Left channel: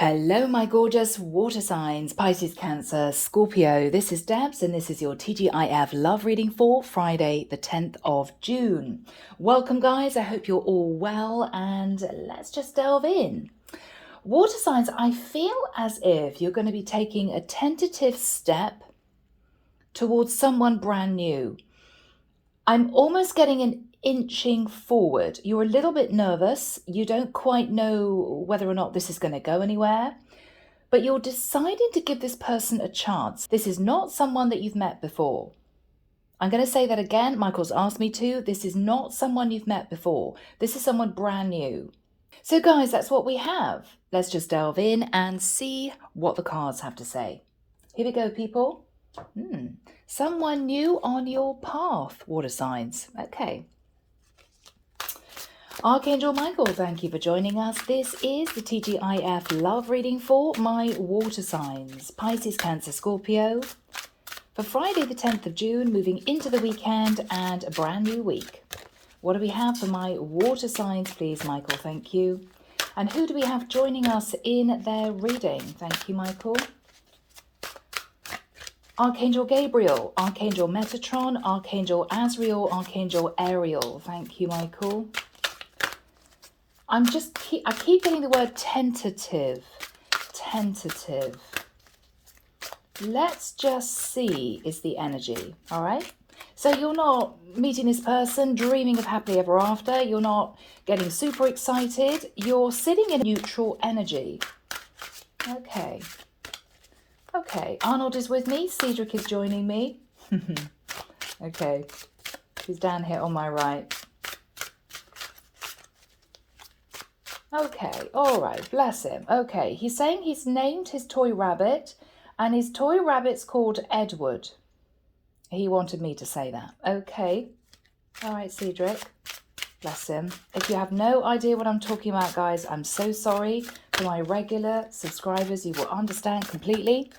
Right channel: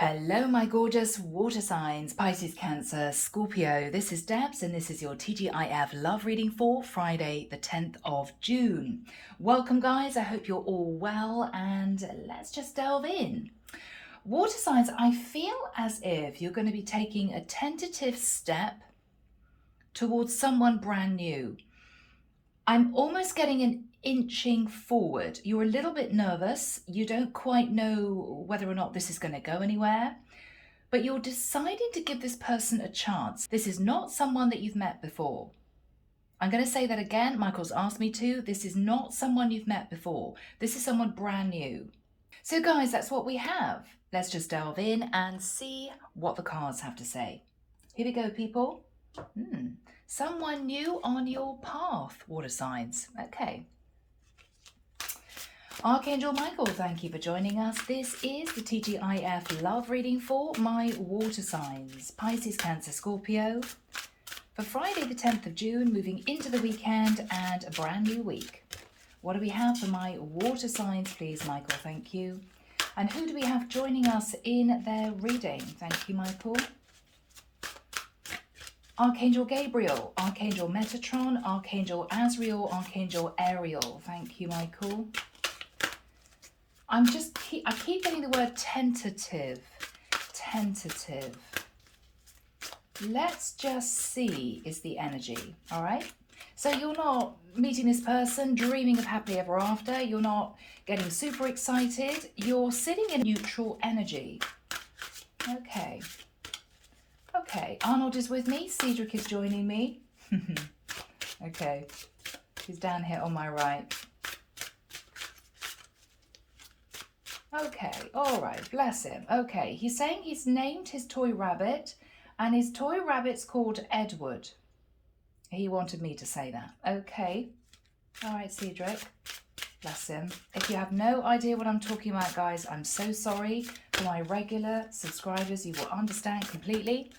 Hello, my gorgeous water signs, Pisces, Cancer, Scorpio. This is Debs, and this is your T.G.I.F love reading for Friday, the 10th of June. Welcome, guys. I hope you're all well, and let's just delve in. Water signs, I feel as if you're going to be taking a tentative step towards someone brand new. I'm almost getting an inching forward. You're a little bit nervous. You don't quite know whether or not this is going to go anywhere, but you're deciding to give this person a chance. This is not someone that you've met before. I'm going to say that again. Michael's asked me to. This is not someone you've met before. This is someone brand new. So guys, that's what we have. Let's just delve in and see what the cards have to say. Here we go, people. Someone new on your path, water signs. Okay. Archangel Michael, thank you for joining us. This is the T.G.I.F love reading for my water signs, Pisces, Cancer, Scorpio, for Friday the 10th of June, moving into the weekend and a brand new week. What do we have for my water signs, please, Michael? Thank you. And who do we have joining us in their reading? Thank you, Michael. Archangel Gabriel, Archangel Metatron, Archangel Azrael, Archangel Ariel. Thank you, Michael. I keep getting the word tentative. Tentative. Let's just see is the energy, all right? So you're not meeting this person, dreaming of happily ever after. You're not getting super excited. You're sitting in neutral energy. Okay. Okay, Arnold is with me. Cedric is joining me. Okay, he's down here on my right. Okay, all right, bless him. Okay, he's saying he's named his toy rabbit, and his toy rabbit's called Edward. He wanted me to say that. Okay, all right, Cedric, bless him. If you have no idea what I'm talking about, guys, I'm so sorry. For my regular subscribers, you will understand completely.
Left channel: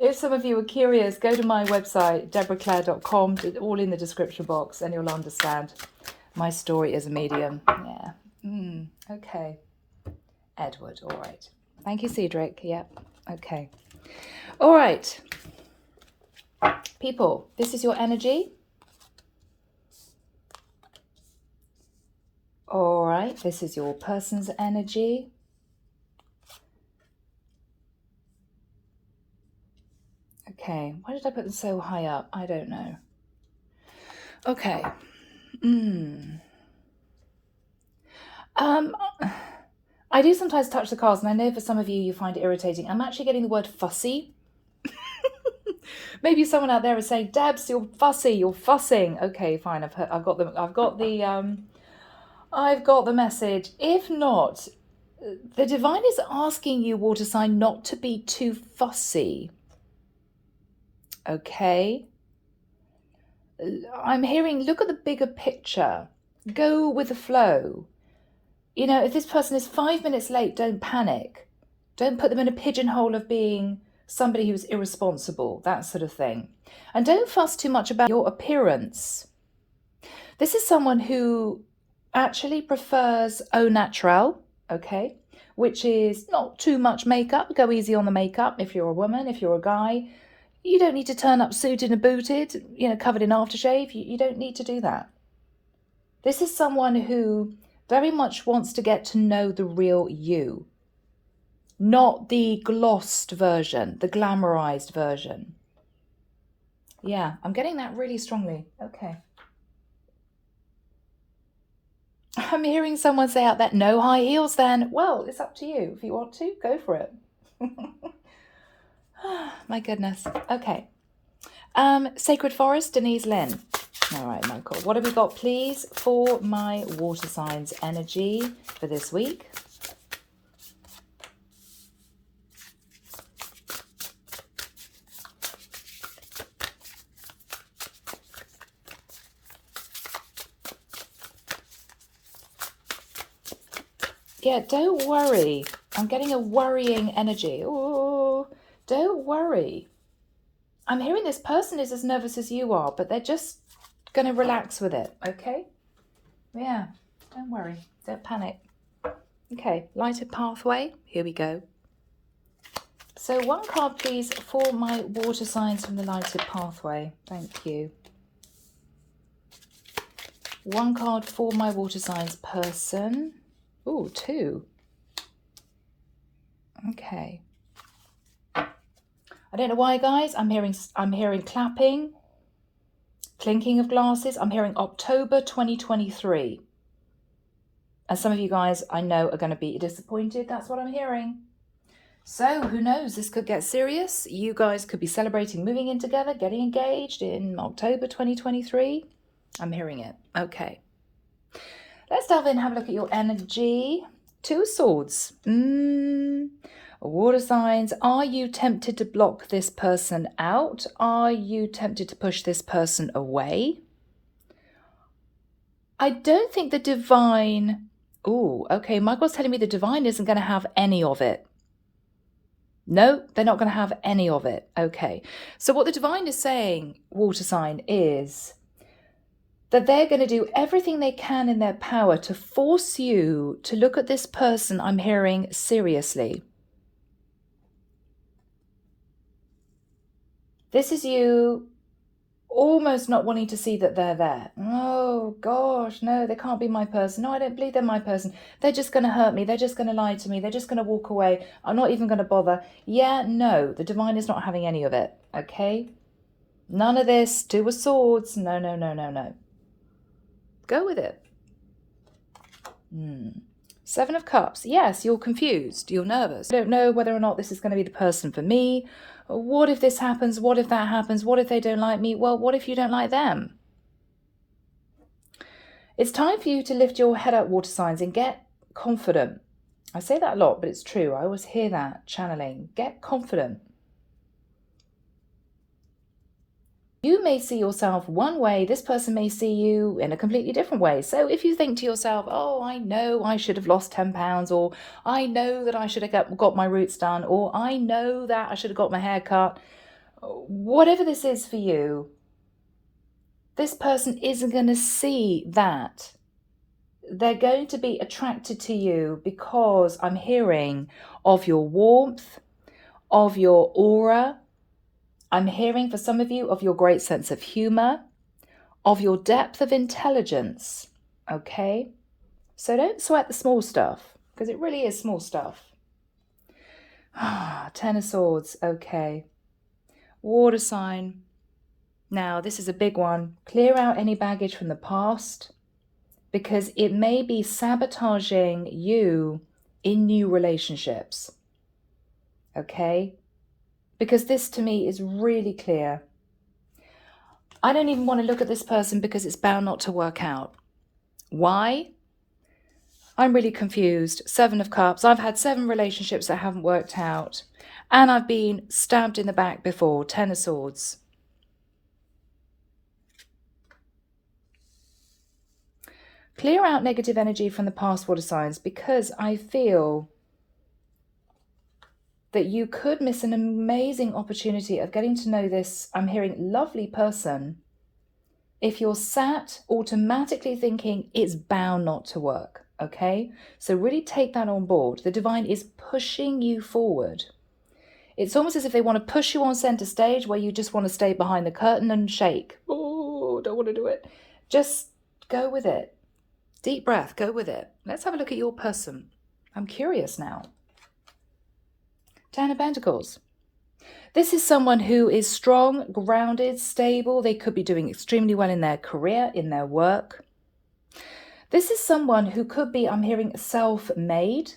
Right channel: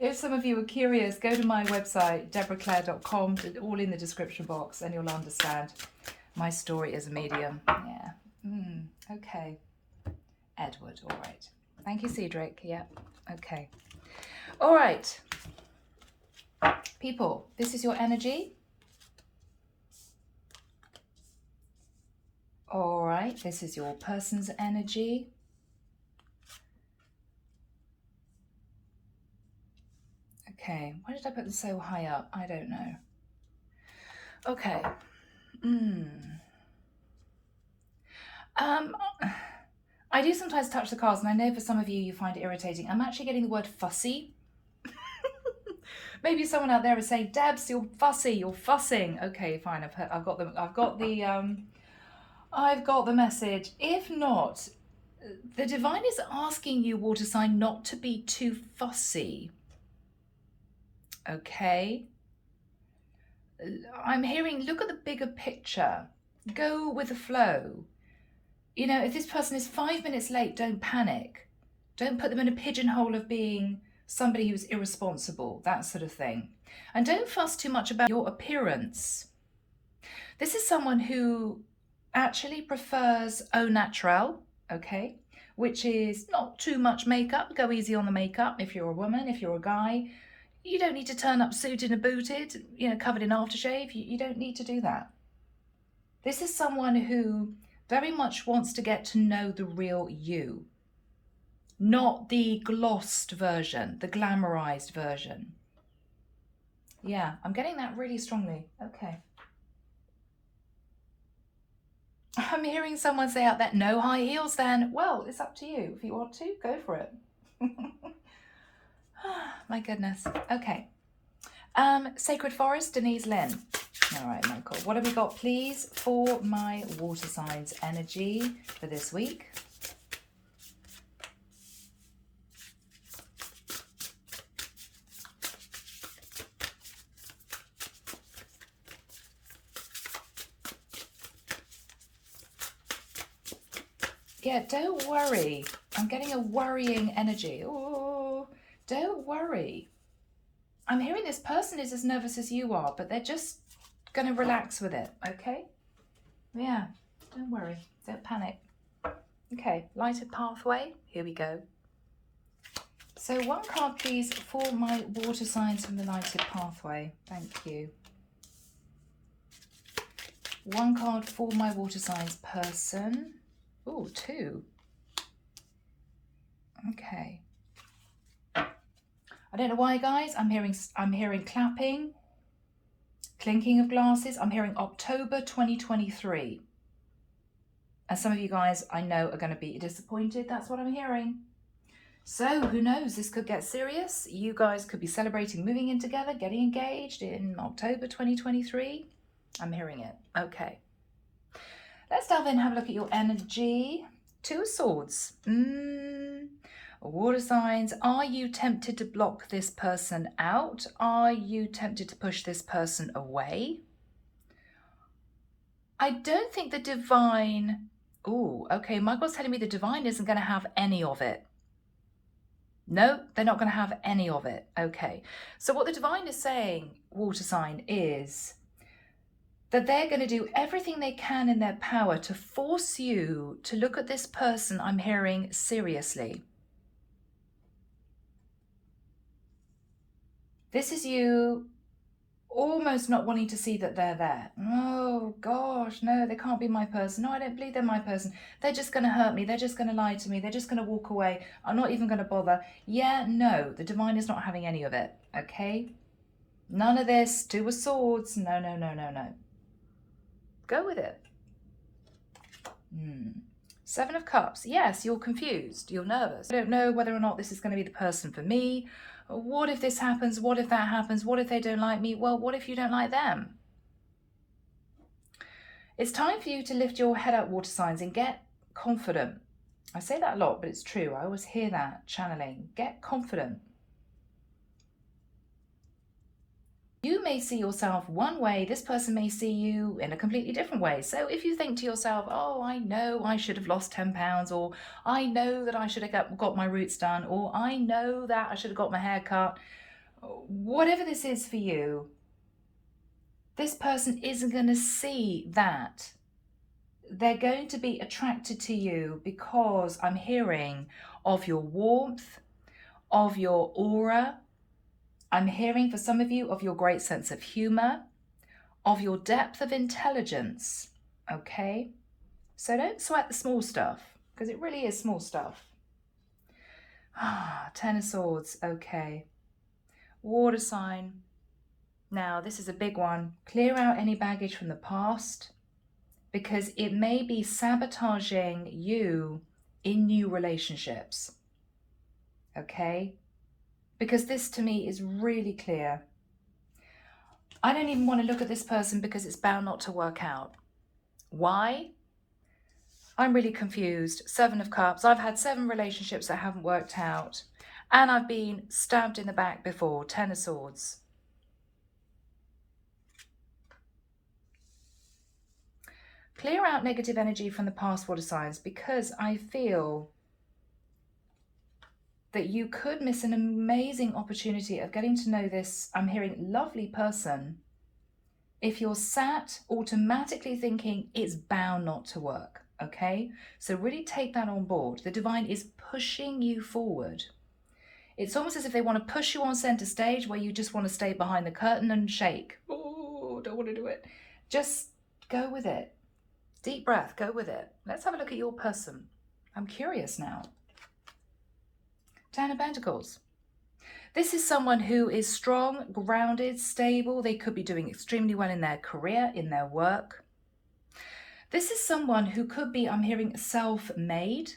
If some of you are curious, go to my website, deborahclaire.com, all in the description box, and you'll understand my story as a medium. Yeah. Okay. Edward, all right. Thank you, Cedric. Yeah, okay. All right. People, this is your energy. All right, this is your person's energy. Okay, why did I put them so high up? I don't know. Okay. I do sometimes touch the cards, and I know for some of you, you find it irritating. I'm actually getting the word fussy. Maybe someone out there is saying, Debs, you're fussy, you're fussing. Okay, fine, I've got the message. If not, the divine is asking you, water sign, not to be too fussy. Okay. I'm hearing, look at the bigger picture. Go with the flow. You know, if this person is 5 minutes late, don't panic. Don't put them in a pigeonhole of being somebody who's irresponsible, that sort of thing. And don't fuss too much about your appearance. This is someone who actually prefers au naturel, okay, which is not too much makeup. Go easy on the makeup if you're a woman, if you're a guy. You don't need to turn up suited and booted, you know, covered in aftershave. You don't need to do that. This is someone who very much wants to get to know the real you, not the glossed version, the glamorized version. Yeah, I'm getting that really strongly. Okay. I'm hearing someone say out there, no high heels then. Well, it's up to you. If you want to, go for it. My goodness. Okay. Sacred Forest, Denise, Linn. All right, Michael. What have we got, please, for my water signs energy for this week? Yeah, don't worry. I'm getting a worrying energy. Oh, don't worry. I'm hearing this person is as nervous as you are, but they're just going to relax with it, okay? Yeah, don't worry. Don't panic. Okay, lighted pathway. Here we go. So one card, please, for my water signs from the lighted pathway. Thank you. One card for my water signs person. Oh, two. Okay. I don't know why, guys. I'm hearing clapping, clinking of glasses. I'm hearing October 2023. And some of you guys I know are going to be disappointed. That's what I'm hearing. So who knows? This could get serious. You guys could be celebrating moving in together, getting engaged in October 2023. I'm hearing it. Okay. Let's delve in and have a look at your energy. Two of Swords. Water signs. Are you tempted to block this person out? Are you tempted to push this person away? I don't think the divine... Oh, okay. Michael's telling me the divine isn't going to have any of it. No, they're not going to have any of it. Okay. So what the divine is saying, water sign, is that they're going to do everything they can in their power to force you to look at this person, I'm hearing, seriously. This is you almost not wanting to see that they're there. Oh, gosh, no, they can't be my person. No, I don't believe they're my person. They're just going to hurt me. They're just going to lie to me. They're just going to walk away. I'm not even going to bother. Yeah, no, the divine is not having any of it, okay? None of this. Two of Swords. No, no, no, no, no. Go with it. Seven of Cups. Yes, you're confused. You're nervous. I don't know whether or not this is going to be the person for me. What if this happens? What if that happens? What if they don't like me? Well, what if you don't like them? It's time for you to lift your head up, water signs, and get confident. I say that a lot, but it's true. I always hear that channeling. Get confident. You may see yourself one way, this person may see you in a completely different way. So if you think to yourself, oh, I know I should have lost 10 pounds, or I know that I should have got my roots done, or I know that I should have got my hair cut, whatever this is for you, this person isn't going to see that. They're going to be attracted to you because I'm hearing of your warmth, of your aura. I'm hearing for some of you of your great sense of humor, of your depth of intelligence, okay? So don't sweat the small stuff, because it really is small stuff. Ten of Swords, okay. Water sign. Now, this is a big one. Clear out any baggage from the past, because it may be sabotaging you in new relationships, okay? Because this to me is really clear. I don't even want to look at this person because it's bound not to work out. Why? I'm really confused. Seven of Cups. I've had 7 relationships that haven't worked out. And I've been stabbed in the back before. Ten of Swords. Clear out negative energy from the past, water signs, because I feel that you could miss an amazing opportunity of getting to know this, I'm hearing, lovely person, if you're sat automatically thinking it's bound not to work, okay? So really take that on board. The divine is pushing you forward. It's almost as if they want to push you on center stage where you just want to stay behind the curtain and shake. Oh, don't want to do it. Just go with it. Deep breath, go with it. Let's have a look at your person. I'm curious now. Ten of Pentacles. This is someone who is strong, grounded, stable. They could be doing extremely well in their career, in their work. This is someone who could be, I'm hearing, self-made.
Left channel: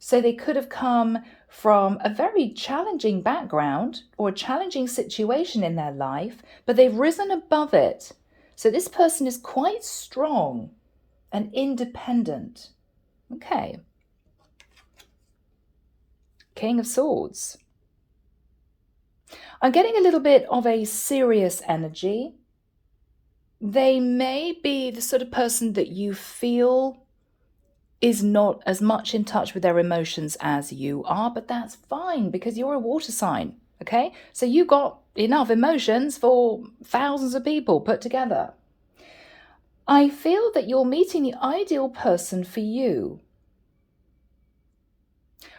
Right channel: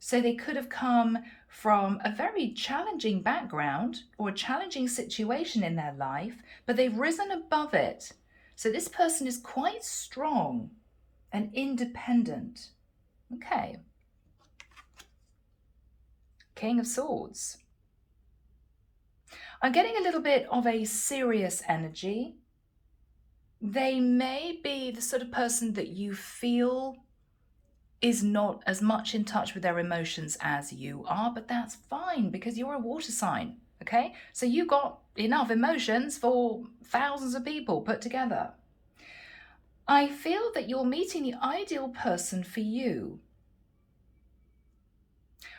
So they could have come from a very challenging background or a challenging situation in their life, but they've risen above it. So this person is quite strong and independent. Okay. King of Swords. I'm getting a little bit of a serious energy. They may be the sort of person that you feel is not as much in touch with their emotions as you are, but that's fine because you're a water sign, okay? So you got enough emotions for thousands of people put together. I feel that you're meeting the ideal person for you.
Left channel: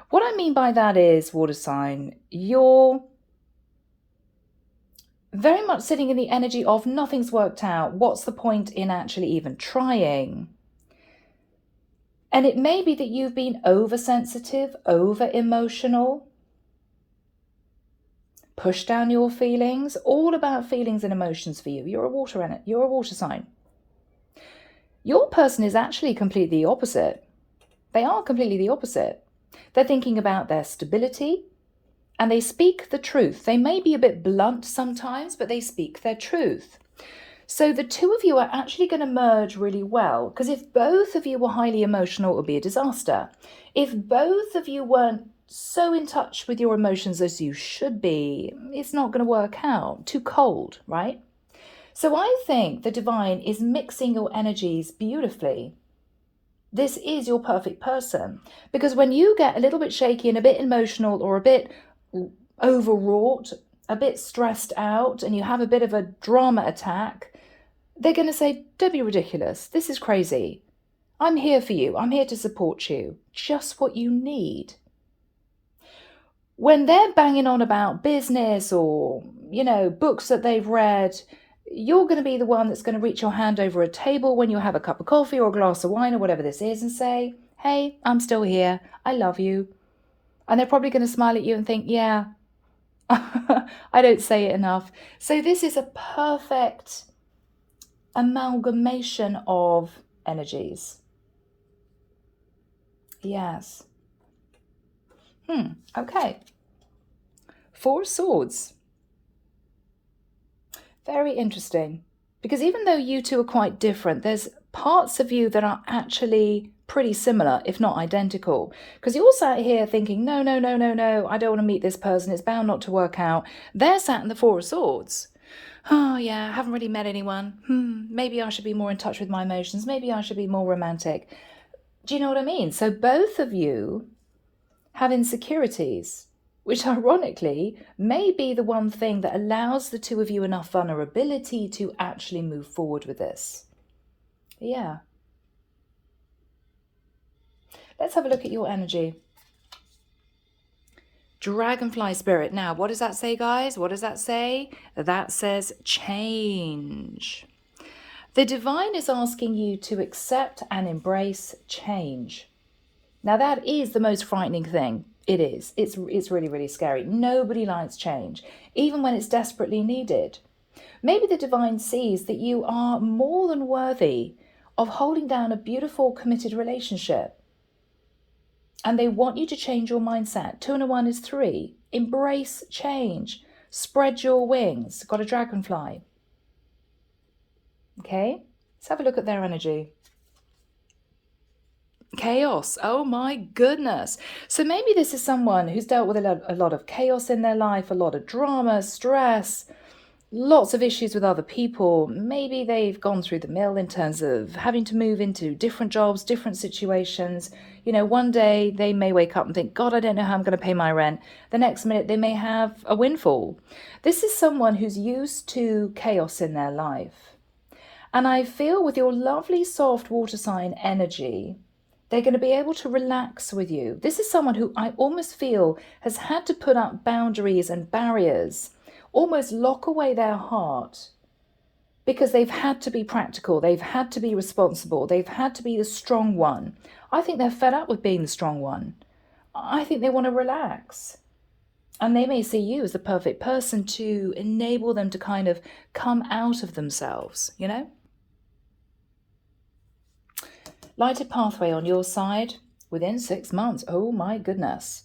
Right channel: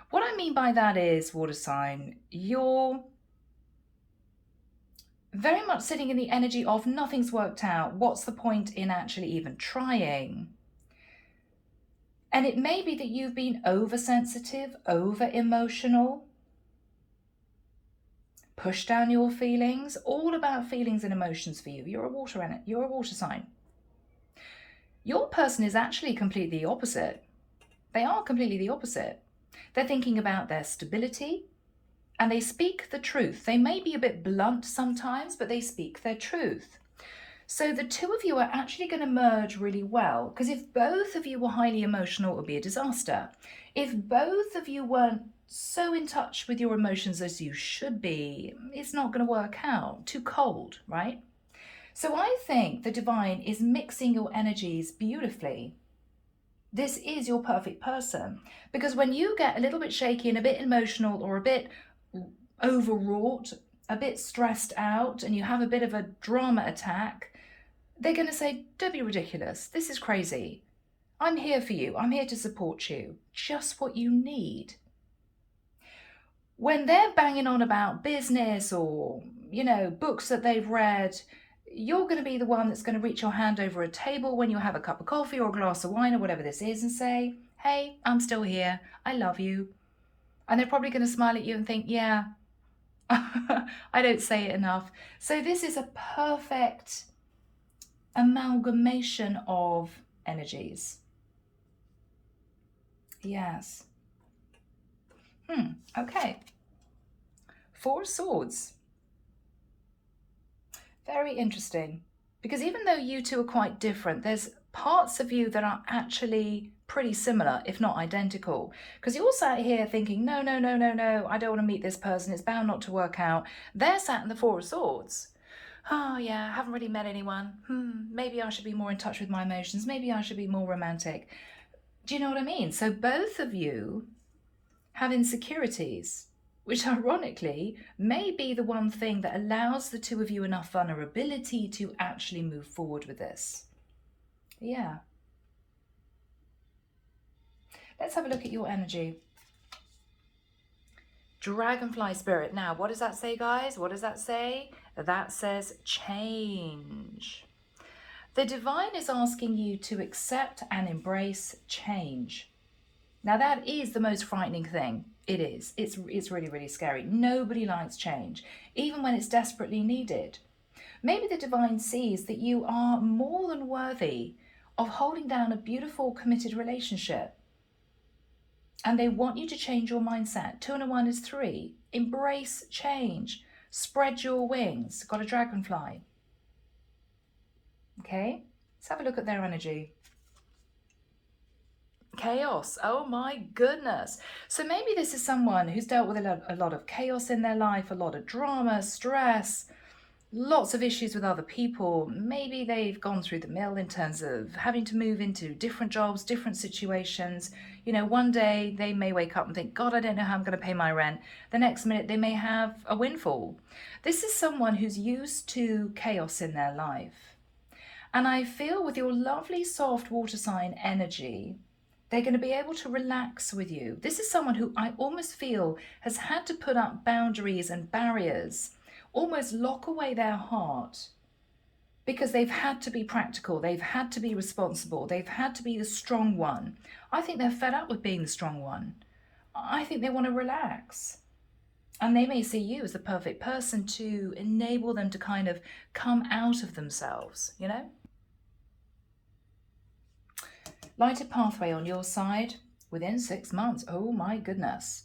What I mean by that is, water sign, you're very much sitting in the energy of nothing's worked out. What's the point in actually even trying? And it may be that you've been oversensitive, over emotional, push down your feelings, all about feelings and emotions for you. You're a water sign. Your person is actually completely the opposite. They are completely the opposite. They're thinking about their stability, and they speak the truth. They may be a bit blunt sometimes, but they speak their truth. So the two of you are actually going to merge really well, because if both of you were highly emotional, it would be a disaster. If both of you weren't so in touch with your emotions as you should be, it's not going to work out. Too cold, right? So I think the divine is mixing your energies beautifully. This is your perfect person, because when you get a little bit shaky and a bit emotional or a bit overwrought, a bit stressed out, and you have a bit of a drama attack, they're going to say, don't be ridiculous. This is crazy. I'm here for you. I'm here to support you. Just what you need. When they're banging on about business or, books that they've read, you're going to be the one that's going to reach your hand over a table when you have a cup of coffee or a glass of wine or whatever this is and say, hey, I'm still here. I love you. And they're probably going to smile at you and think, yeah, I don't say it enough. So this is a perfect amalgamation of energies. Yes. Okay. 4 of Swords. Very interesting. Because even though you two are quite different, there's parts of you that are actually pretty similar, if not identical. Because you're sat here thinking, no, I don't want to meet this person. It's bound not to work out. They're sat in the 4 of Swords. Oh, yeah, I haven't really met anyone. Maybe I should be more in touch with my emotions. Maybe I should be more romantic. Do you know what I mean? So both of you have insecurities, which ironically may be the one thing that allows the two of you enough vulnerability to actually move forward with this. Yeah. Let's have a look at your energy. Dragonfly spirit. Now, what does that say, guys? What does that say? That says change. The divine is asking you to accept and embrace change. Now, that is the most frightening thing. It is. It's really, really scary. Nobody likes change, even when it's desperately needed. Maybe the divine sees that you are more than worthy of holding down a beautiful, committed relationship. And they want you to change your mindset. 2 and a 1 is 3. Embrace change. Spread your wings. Got a dragonfly. Okay, let's have a look at their energy. Chaos. Oh my goodness. So maybe this is someone who's dealt with a lot of chaos in their life, a lot of drama, stress, lots of issues with other people. Maybe they've gone through the mill in terms of having to move into different jobs, different situations. One day they may wake up and think, God, I don't know how I'm going to pay my rent. The next minute they may have a windfall. This is someone who's used to chaos in their life. And I feel with your lovely soft water sign energy, they're going to be able to relax with you. This is someone who I almost feel has had to put up boundaries and barriers, almost lock away their heart, because they've had to be practical. They've had to be responsible. They've had to be the strong one. I think they're fed up with being the strong one. I think they want to relax. And they may see you as the perfect person to enable them to kind of come out of themselves, Lighted pathway on your side within 6 months. Oh my goodness.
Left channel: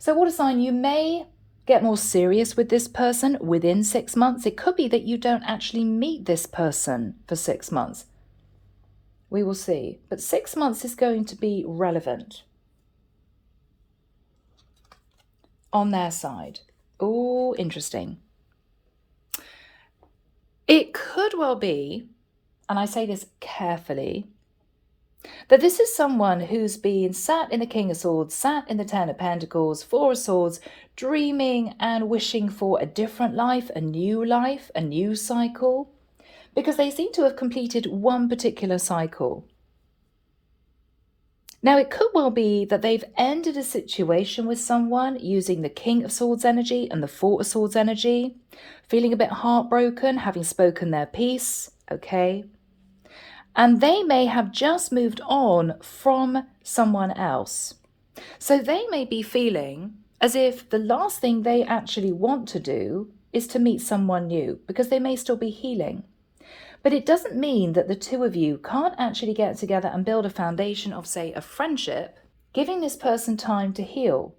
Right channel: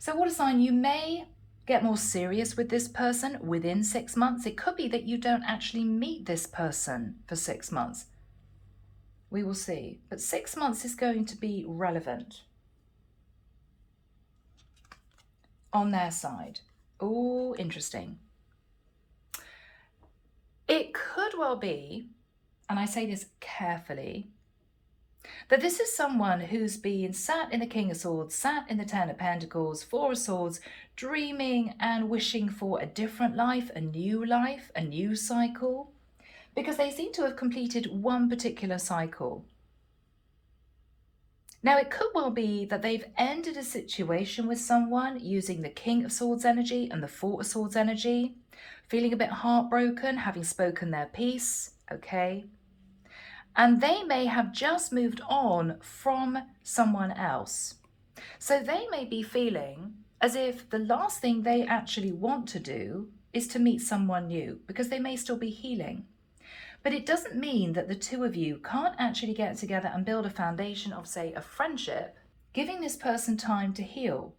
So water sign, you may get more serious with this person within 6 months. It could be that you don't actually meet this person for 6 months. We will see. But 6 months is going to be relevant on their side. Oh, interesting. It could well be, and I say this carefully, that this is someone who's been sat in the King of Swords, sat in the 10 of Pentacles, 4 of Swords, dreaming and wishing for a different life, a new cycle, because they seem to have completed one particular cycle. Now, it could well be that they've ended a situation with someone using the King of Swords energy and the Four of Swords energy, feeling a bit heartbroken, having spoken their piece, okay? And they may have just moved on from someone else. So they may be feeling as if the last thing they actually want to do is to meet someone new, because they may still be healing. But it doesn't mean that the two of you can't actually get together and build a foundation of, say, a friendship, giving this person time to heal.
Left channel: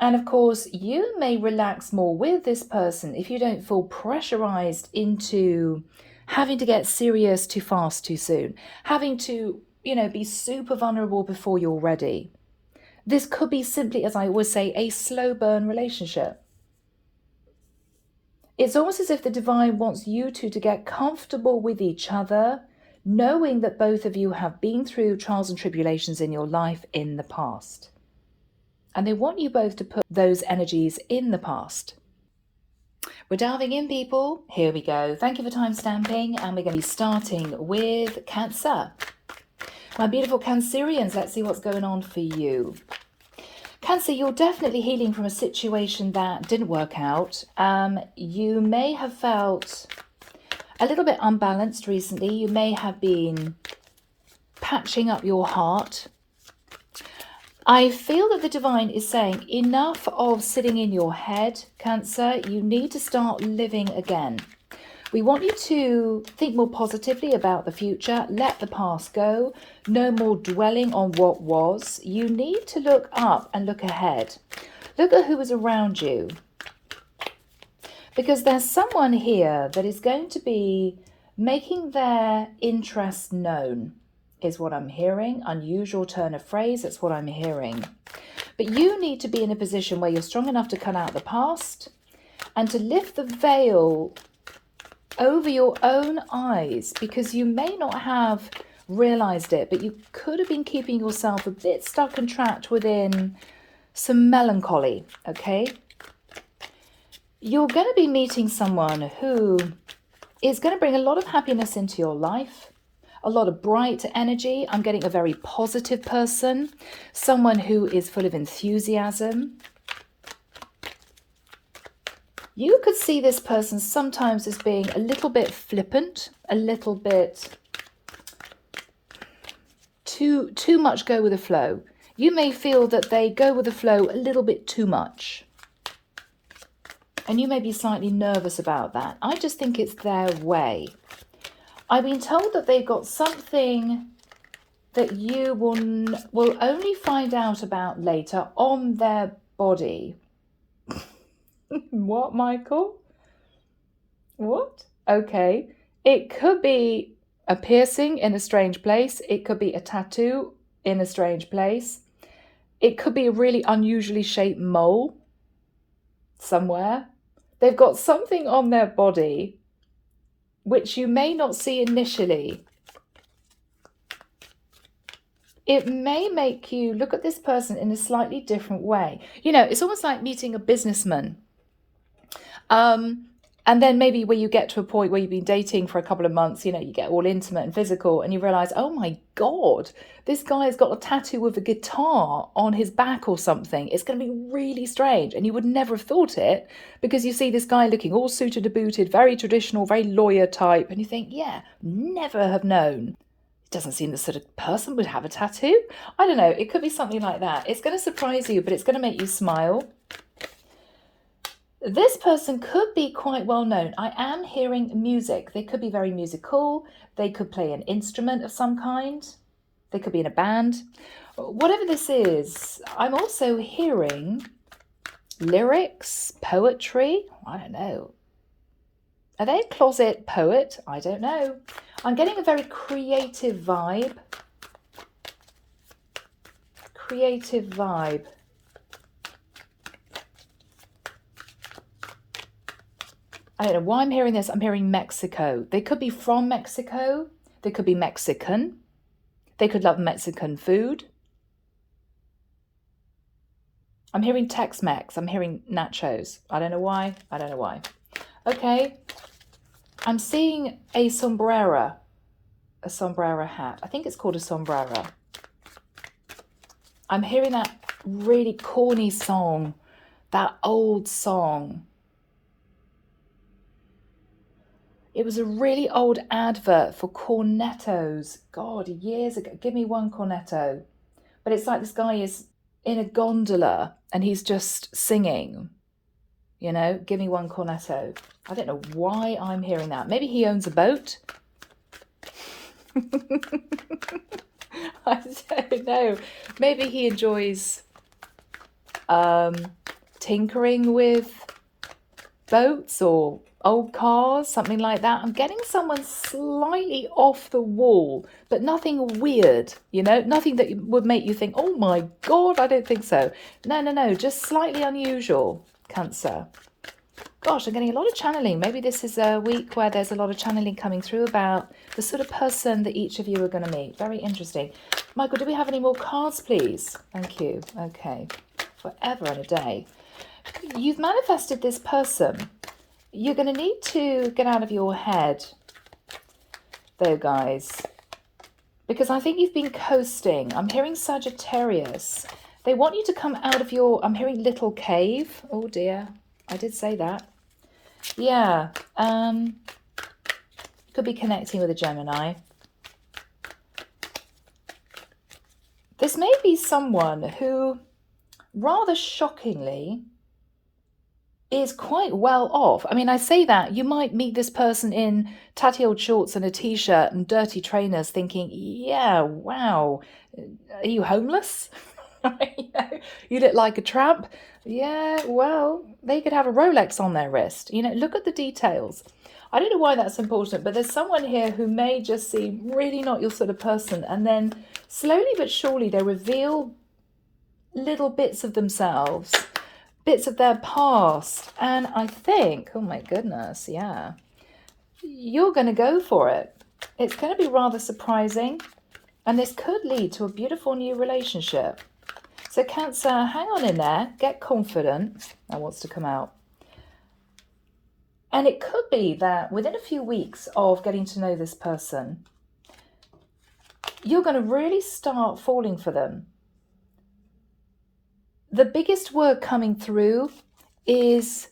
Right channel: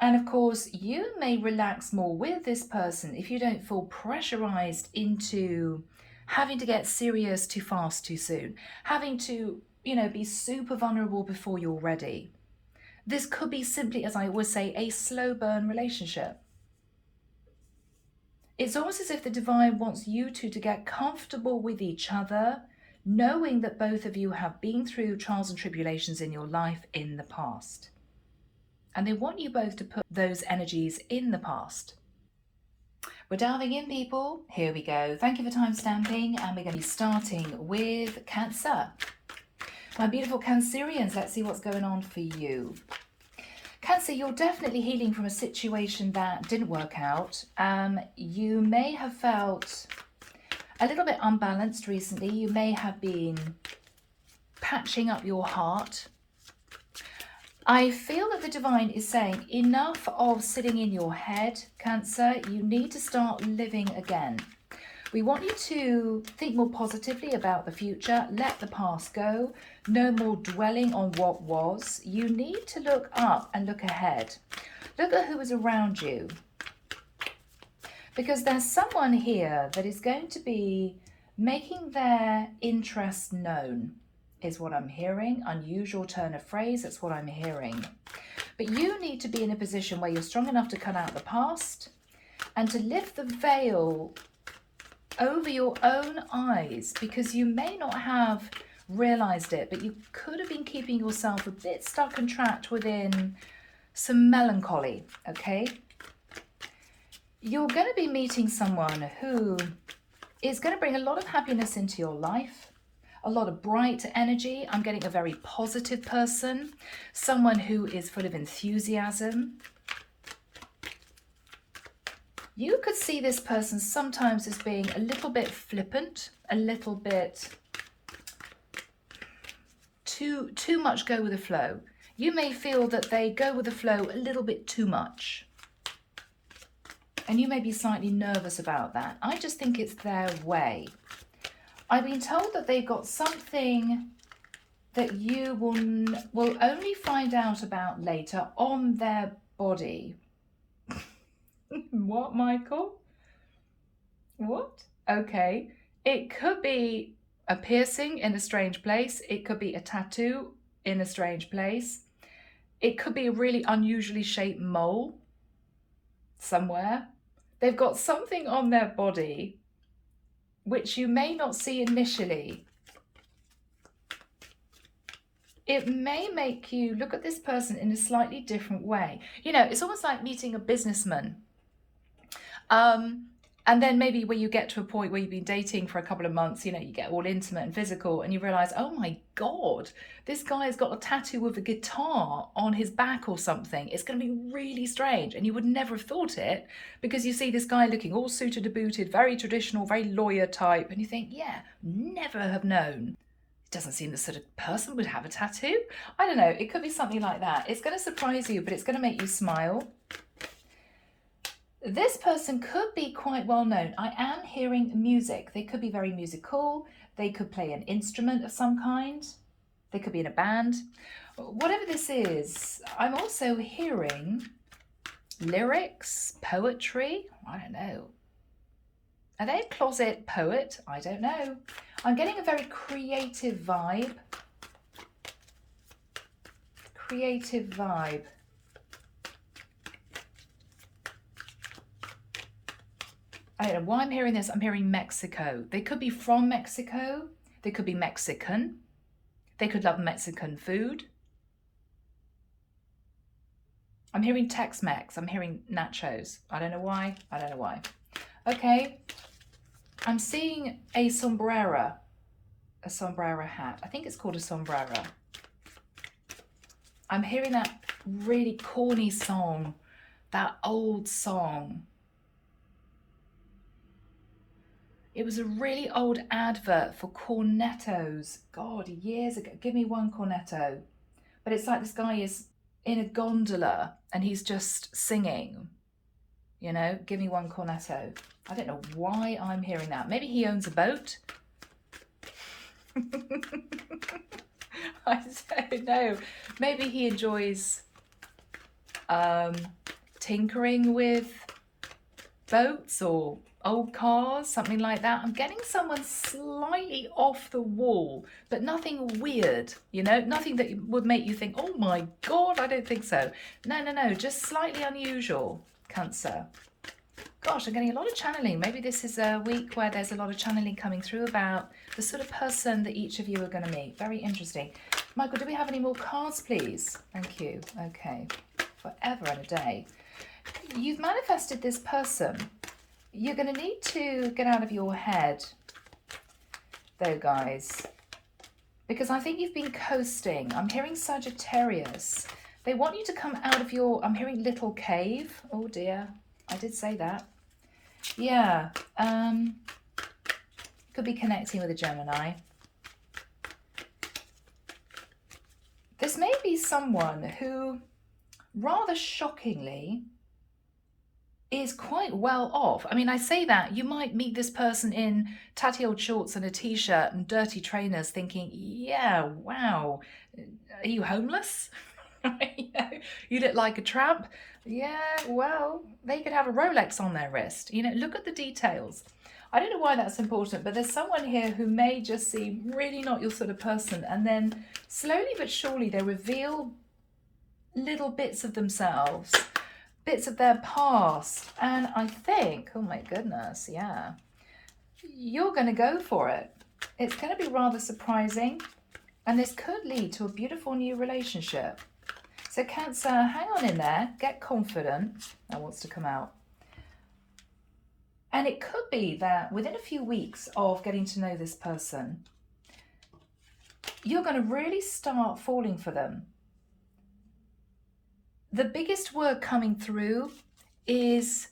And of course, you may relax more with this person if you don't feel pressurized into having to get serious too fast too soon, having to, be super vulnerable before you're ready. This could be simply, as I always say, a slow burn relationship. It's almost as if the divine wants you two to get comfortable with each other, knowing that both of you have been through trials and tribulations in your life in the past. And they want you both to put those energies in the past. We're diving in, people. Here we go. Thank you for time stamping. And we're going to be starting with Cancer. My beautiful Cancerians, let's see what's going on for you. Cancer, you're definitely healing from a situation that didn't work out. You may have felt a little bit unbalanced recently. You may have been patching up your heart. I feel that the divine is saying enough of sitting in your head, Cancer. You need to start living again. We want you to think more positively about the future, let the past go, no more dwelling on what was. You need to look up and look ahead. Look at who is around you. Because there's someone here that is going to be making their interest known, is what I'm hearing. Unusual turn of phrase, that's what I'm hearing. But you need to be in a position where you're strong enough to cut out the past and to lift the veil over your own eyes, because you may not have realized it, but you could have been keeping yourself a bit stuck and trapped within some melancholy, okay? You're going to be meeting someone who is going to bring a lot of happiness into your life, a lot of bright energy. I'm getting a very positive person, someone who is full of enthusiasm. You could see this person sometimes as being a little bit flippant, a little bit too much go with the flow. You may feel that they go with the flow a little bit too much. And you may be slightly nervous about that. I just think it's their way. I've been told that they've got something that you will only find out about later on their body. What, Michael? What? Okay. It could be a piercing in a strange place. It could be a tattoo in a strange place. It could be a really unusually shaped mole somewhere. They've got something on their body which you may not see initially. It may make you look at this person in a slightly different way. It's almost like meeting a businessman. And then maybe when you get to a point where you've been dating for a couple of months, you get all intimate and physical, and you realize, oh my God, this guy has got a tattoo with a guitar on his back or something. It's going to be really strange. And you would never have thought it, because you see this guy looking all suited and booted, very traditional, very lawyer type. And you think, yeah, never have known. It doesn't seem the sort of person would have a tattoo. I don't know. It could be something like that. It's going to surprise you, but it's going to make you smile. This person could be quite well known. I am hearing music. They could be very musical. They could play an instrument of some kind. They could be in a band. Whatever this is, I'm also hearing lyrics, poetry. I don't know. Are they a closet poet? I don't know. I'm getting a very creative vibe. Creative vibe. I don't know why I'm hearing this. I'm hearing Mexico. They could be from Mexico. They could be Mexican. They could love Mexican food. I'm hearing Tex-Mex. I'm hearing nachos. I don't know why. I don't know why. Okay. I'm seeing a sombrero. a sombrero hat. I think it's called a sombrero. I'm hearing that really corny song, that old song. It was a really old advert for cornettos. God, years ago. Give me one cornetto. But it's like this guy is in a gondola and he's just singing. You know, give me one cornetto. I don't know why I'm hearing that. Maybe he owns a boat. I don't know. Maybe he enjoys tinkering with boats or old cars, something like that. I'm getting someone slightly off the wall, but nothing weird, you know, nothing that would make you think, oh my God, I don't think so. No, just slightly unusual, Cancer. Gosh, I'm getting a lot of channeling. Maybe this is a week where there's a lot of channeling coming through about the sort of person that each of you are going to meet. Very interesting. Michael, do we have any more cards, please? Thank you. Okay. Forever and a day. You've manifested this person. You're going to need to get out of your head, though, guys, because I think you've been coasting. I'm hearing Sagittarius. They want you to come out of your, I'm hearing little cave. Oh, dear. I did say that. Yeah. Could be connecting with a Gemini. This may be someone who, rather shockingly, is quite well off. I mean, I say that, you might meet this person in tatty old shorts and a t-shirt and dirty trainers thinking, yeah, wow, are you homeless? You look like a tramp. Yeah, well, they could have a Rolex on their wrist. You know, look at the details. I don't know why that's important, but there's someone here who may just seem really not your sort of person. And then slowly but surely they reveal little bits of themselves, bits of their past. And I think, oh my goodness, yeah, you're going to go for it. It's going to be rather surprising. And this could lead to a beautiful new relationship. So Cancer, hang on in there, get confident. That wants to come out. And it could be that within a few weeks of getting to know this person, you're going to really start falling for them. The biggest word coming through is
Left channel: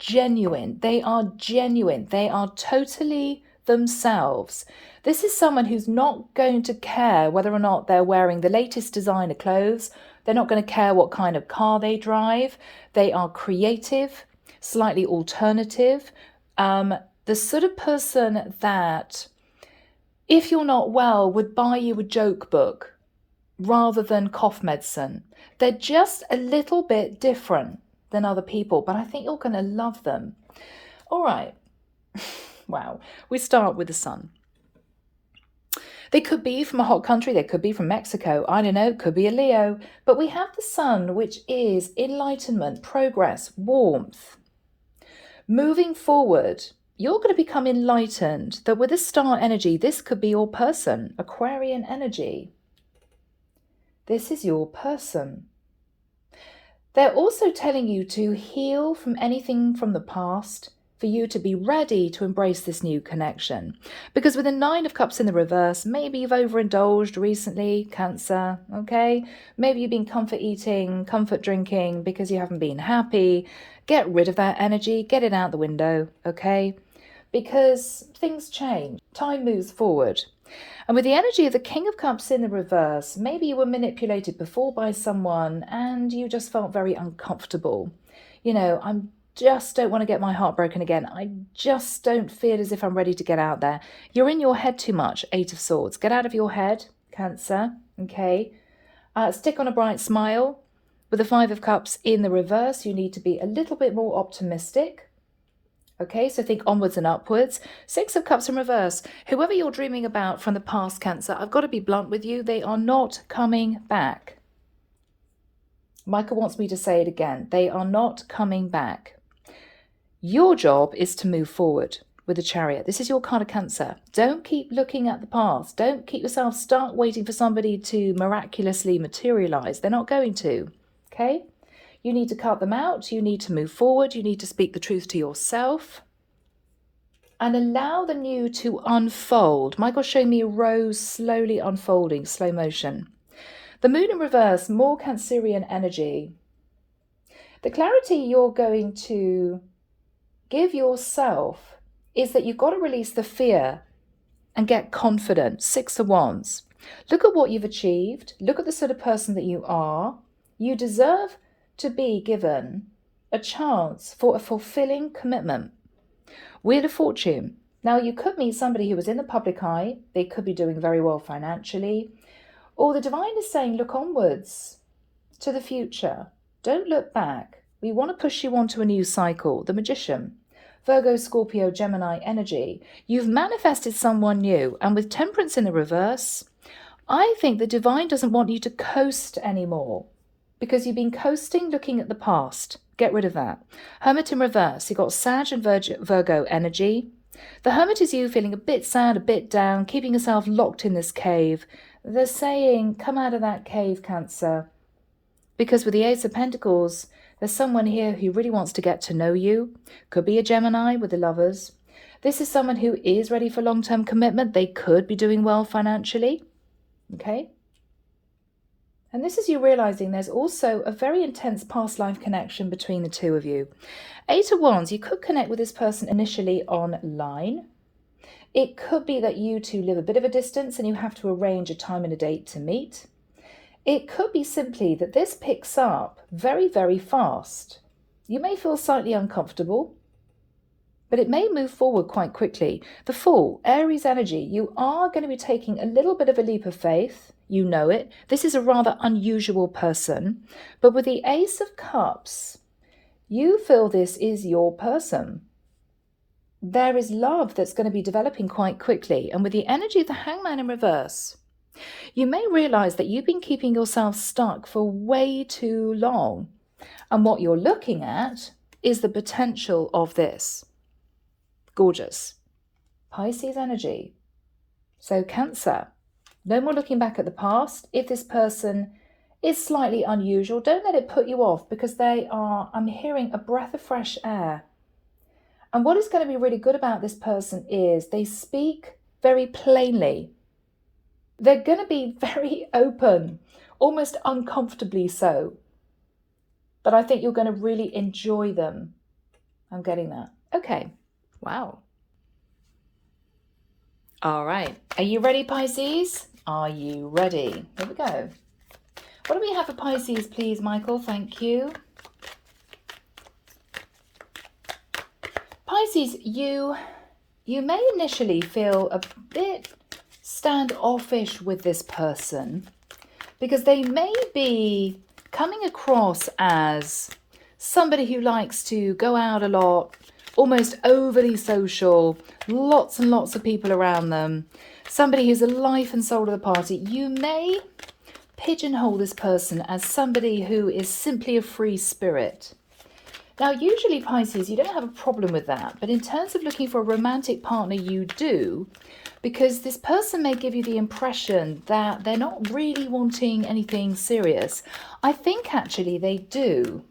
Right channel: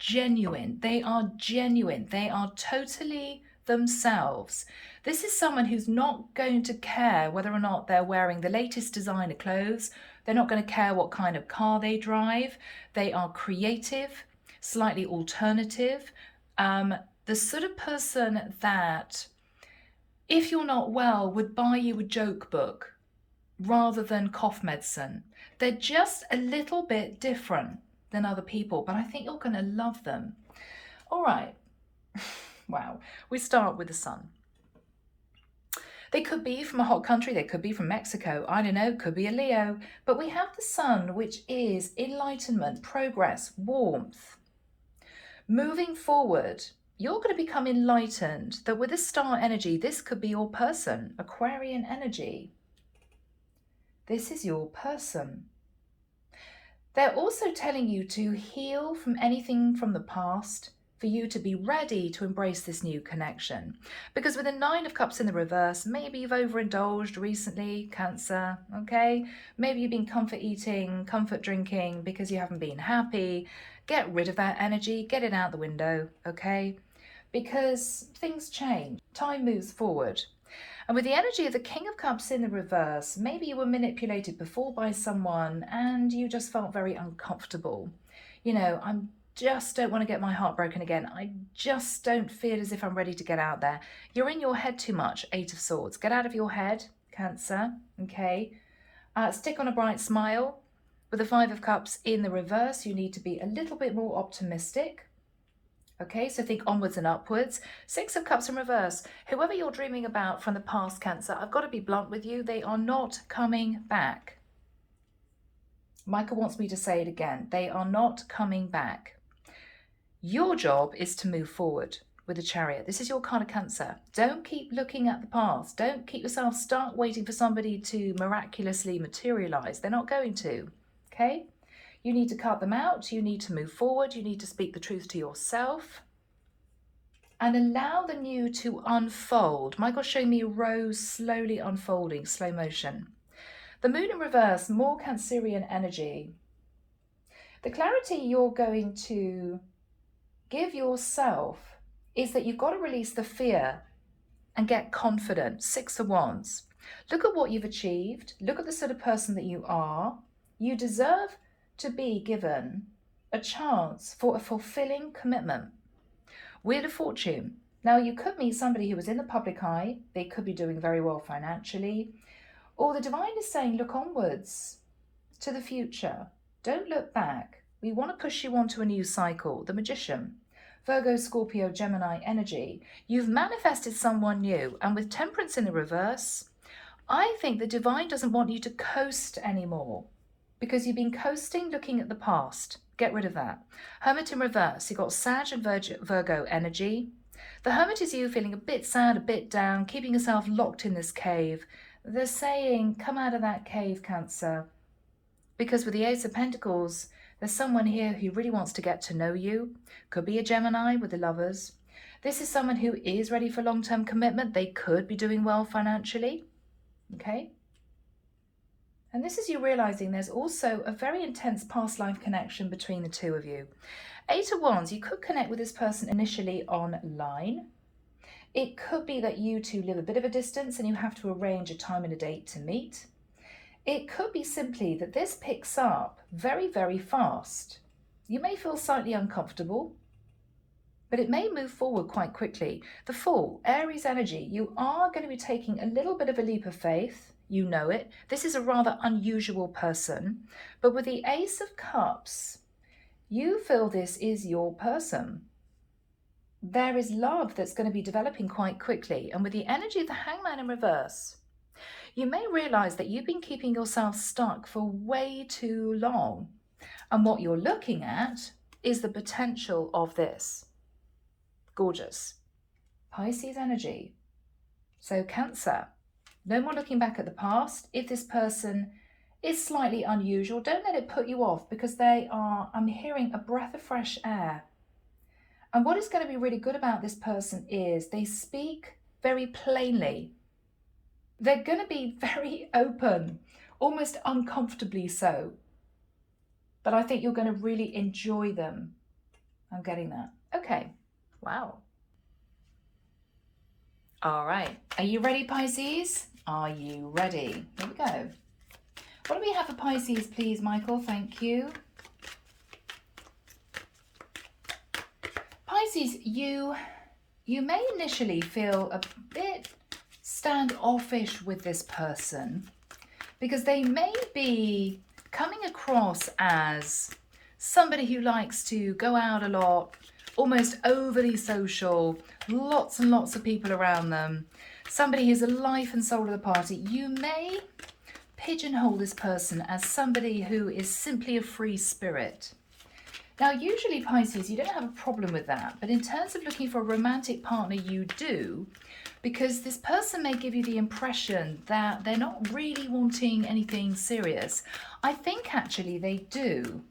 genuine. They are genuine. They are totally themselves. This is someone who's not going to care whether or not they're wearing the latest designer clothes. They're not going to care what kind of car they drive. They are creative, slightly alternative. The sort of person that, if you're not well, would buy you a joke book rather than cough medicine. They're just a little bit different than other people, but I think you're going to love them. All right. Wow. We start with the Sun. They could be from a hot country. They could be from Mexico. I don't know. Could be a Leo. But we have the Sun, which is enlightenment, progress, warmth. Moving forward, you're going to become enlightened that with a star energy, this could be your person, Aquarian energy. This is your person. They're also telling you to heal from anything from the past, for you to be ready to embrace this new connection. Because with the Nine of Cups in the reverse, maybe you've overindulged recently, Cancer, okay? Maybe you've been comfort eating, comfort drinking because you haven't been happy. Get rid of that energy, get it out the window, okay? Because things change, time moves forward. And with the energy of the King of Cups in the reverse, maybe you were manipulated before by someone and you just felt very uncomfortable. You know, just don't want to get my heart broken again. I just don't feel as if I'm ready to get out there. You're in your head too much, Eight of Swords. Get out of your head, Cancer, okay? Stick on a bright smile. With the Five of Cups in the reverse, you need to be a little bit more optimistic. Okay, so think onwards and upwards. Six of Cups in reverse. Whoever you're dreaming about from the past, Cancer, I've got to be blunt with you. They are not coming back. Michael wants me to say it again. They are not coming back. Your job is to move forward with the Chariot. This is your card of Cancer. Don't keep looking at the past. Don't keep yourself stuck waiting for somebody to miraculously materialize. They're not going to. Okay? You need to cut them out. You need to move forward. You need to speak the truth to yourself. and allow the new to unfold. Michael's showing me a rose slowly unfolding, slow motion. The moon in reverse, more Cancerian energy. The clarity you're going to give yourself is that you've got to release the fear and get confident. 6 of Wands. Look at what you've achieved. Look at the sort of person that you are. You deserve to be given a chance for a fulfilling commitment. Wheel of Fortune. Now, you could meet somebody who was in the public eye. They could be doing very well financially. Or the divine is saying, look onwards to the future. Don't look back. We want to push you onto a new cycle. The Magician. Virgo, Scorpio, Gemini energy. You've manifested someone new. And with Temperance in the reverse, I think the divine doesn't want you to coast anymore, because you've been coasting looking at the past. Get rid of that. Hermit in reverse. You've got Sag and Virgo energy. The Hermit is you feeling a bit sad, a bit down, keeping yourself locked in this cave. They're saying, come out of that cave, Cancer. Because with the Ace of Pentacles, there's someone here who really wants to get to know you. Could be a Gemini with the Lovers. This is someone who is ready for long-term commitment. They could be doing well financially. Okay? And this is you realizing there's also a very intense past life connection between the two of you. 8 of Wands, you could connect with this person initially online. It could be that you two live a bit of a distance and you have to arrange a time and a date to meet. It could be simply that this picks up very, very fast. You may feel slightly uncomfortable, but it may move forward quite quickly. The Fool, Aries energy, you are going to be taking a little bit of a leap of faith. You know it. This is a rather unusual person. But with the Ace of Cups, you feel this is your person. There is love that's going to be developing quite quickly. And with the energy of the Hangman in reverse, you may realize that you've been keeping yourself stuck for way too long. And what you're looking at is the potential of this. Gorgeous. Pisces energy. So Cancer. No more looking back at the past. If this person is slightly unusual, don't let it put you off, because they are, I'm hearing, a breath of fresh air. And what is going to be really good about this person is they speak very plainly. They're going to be very open, almost uncomfortably so. But I think you're going to really enjoy them. I'm getting that. Okay. Wow. All right. Are you ready, Pisces? Are you ready? Here we go. What do we have for Pisces, please, Michael? Thank you. Pisces, you may initially feel a bit standoffish with this person, because they may be coming across as somebody who likes to go out a lot, almost overly social, lots and lots of people around them, somebody who's the life and soul of the party. You may pigeonhole this person as somebody who is simply a free spirit. Now, usually, Pisces, you don't have a problem with that, but in terms of looking for a romantic partner, you do, because this person may give you the impression that they're not really wanting anything serious. I think actually they do.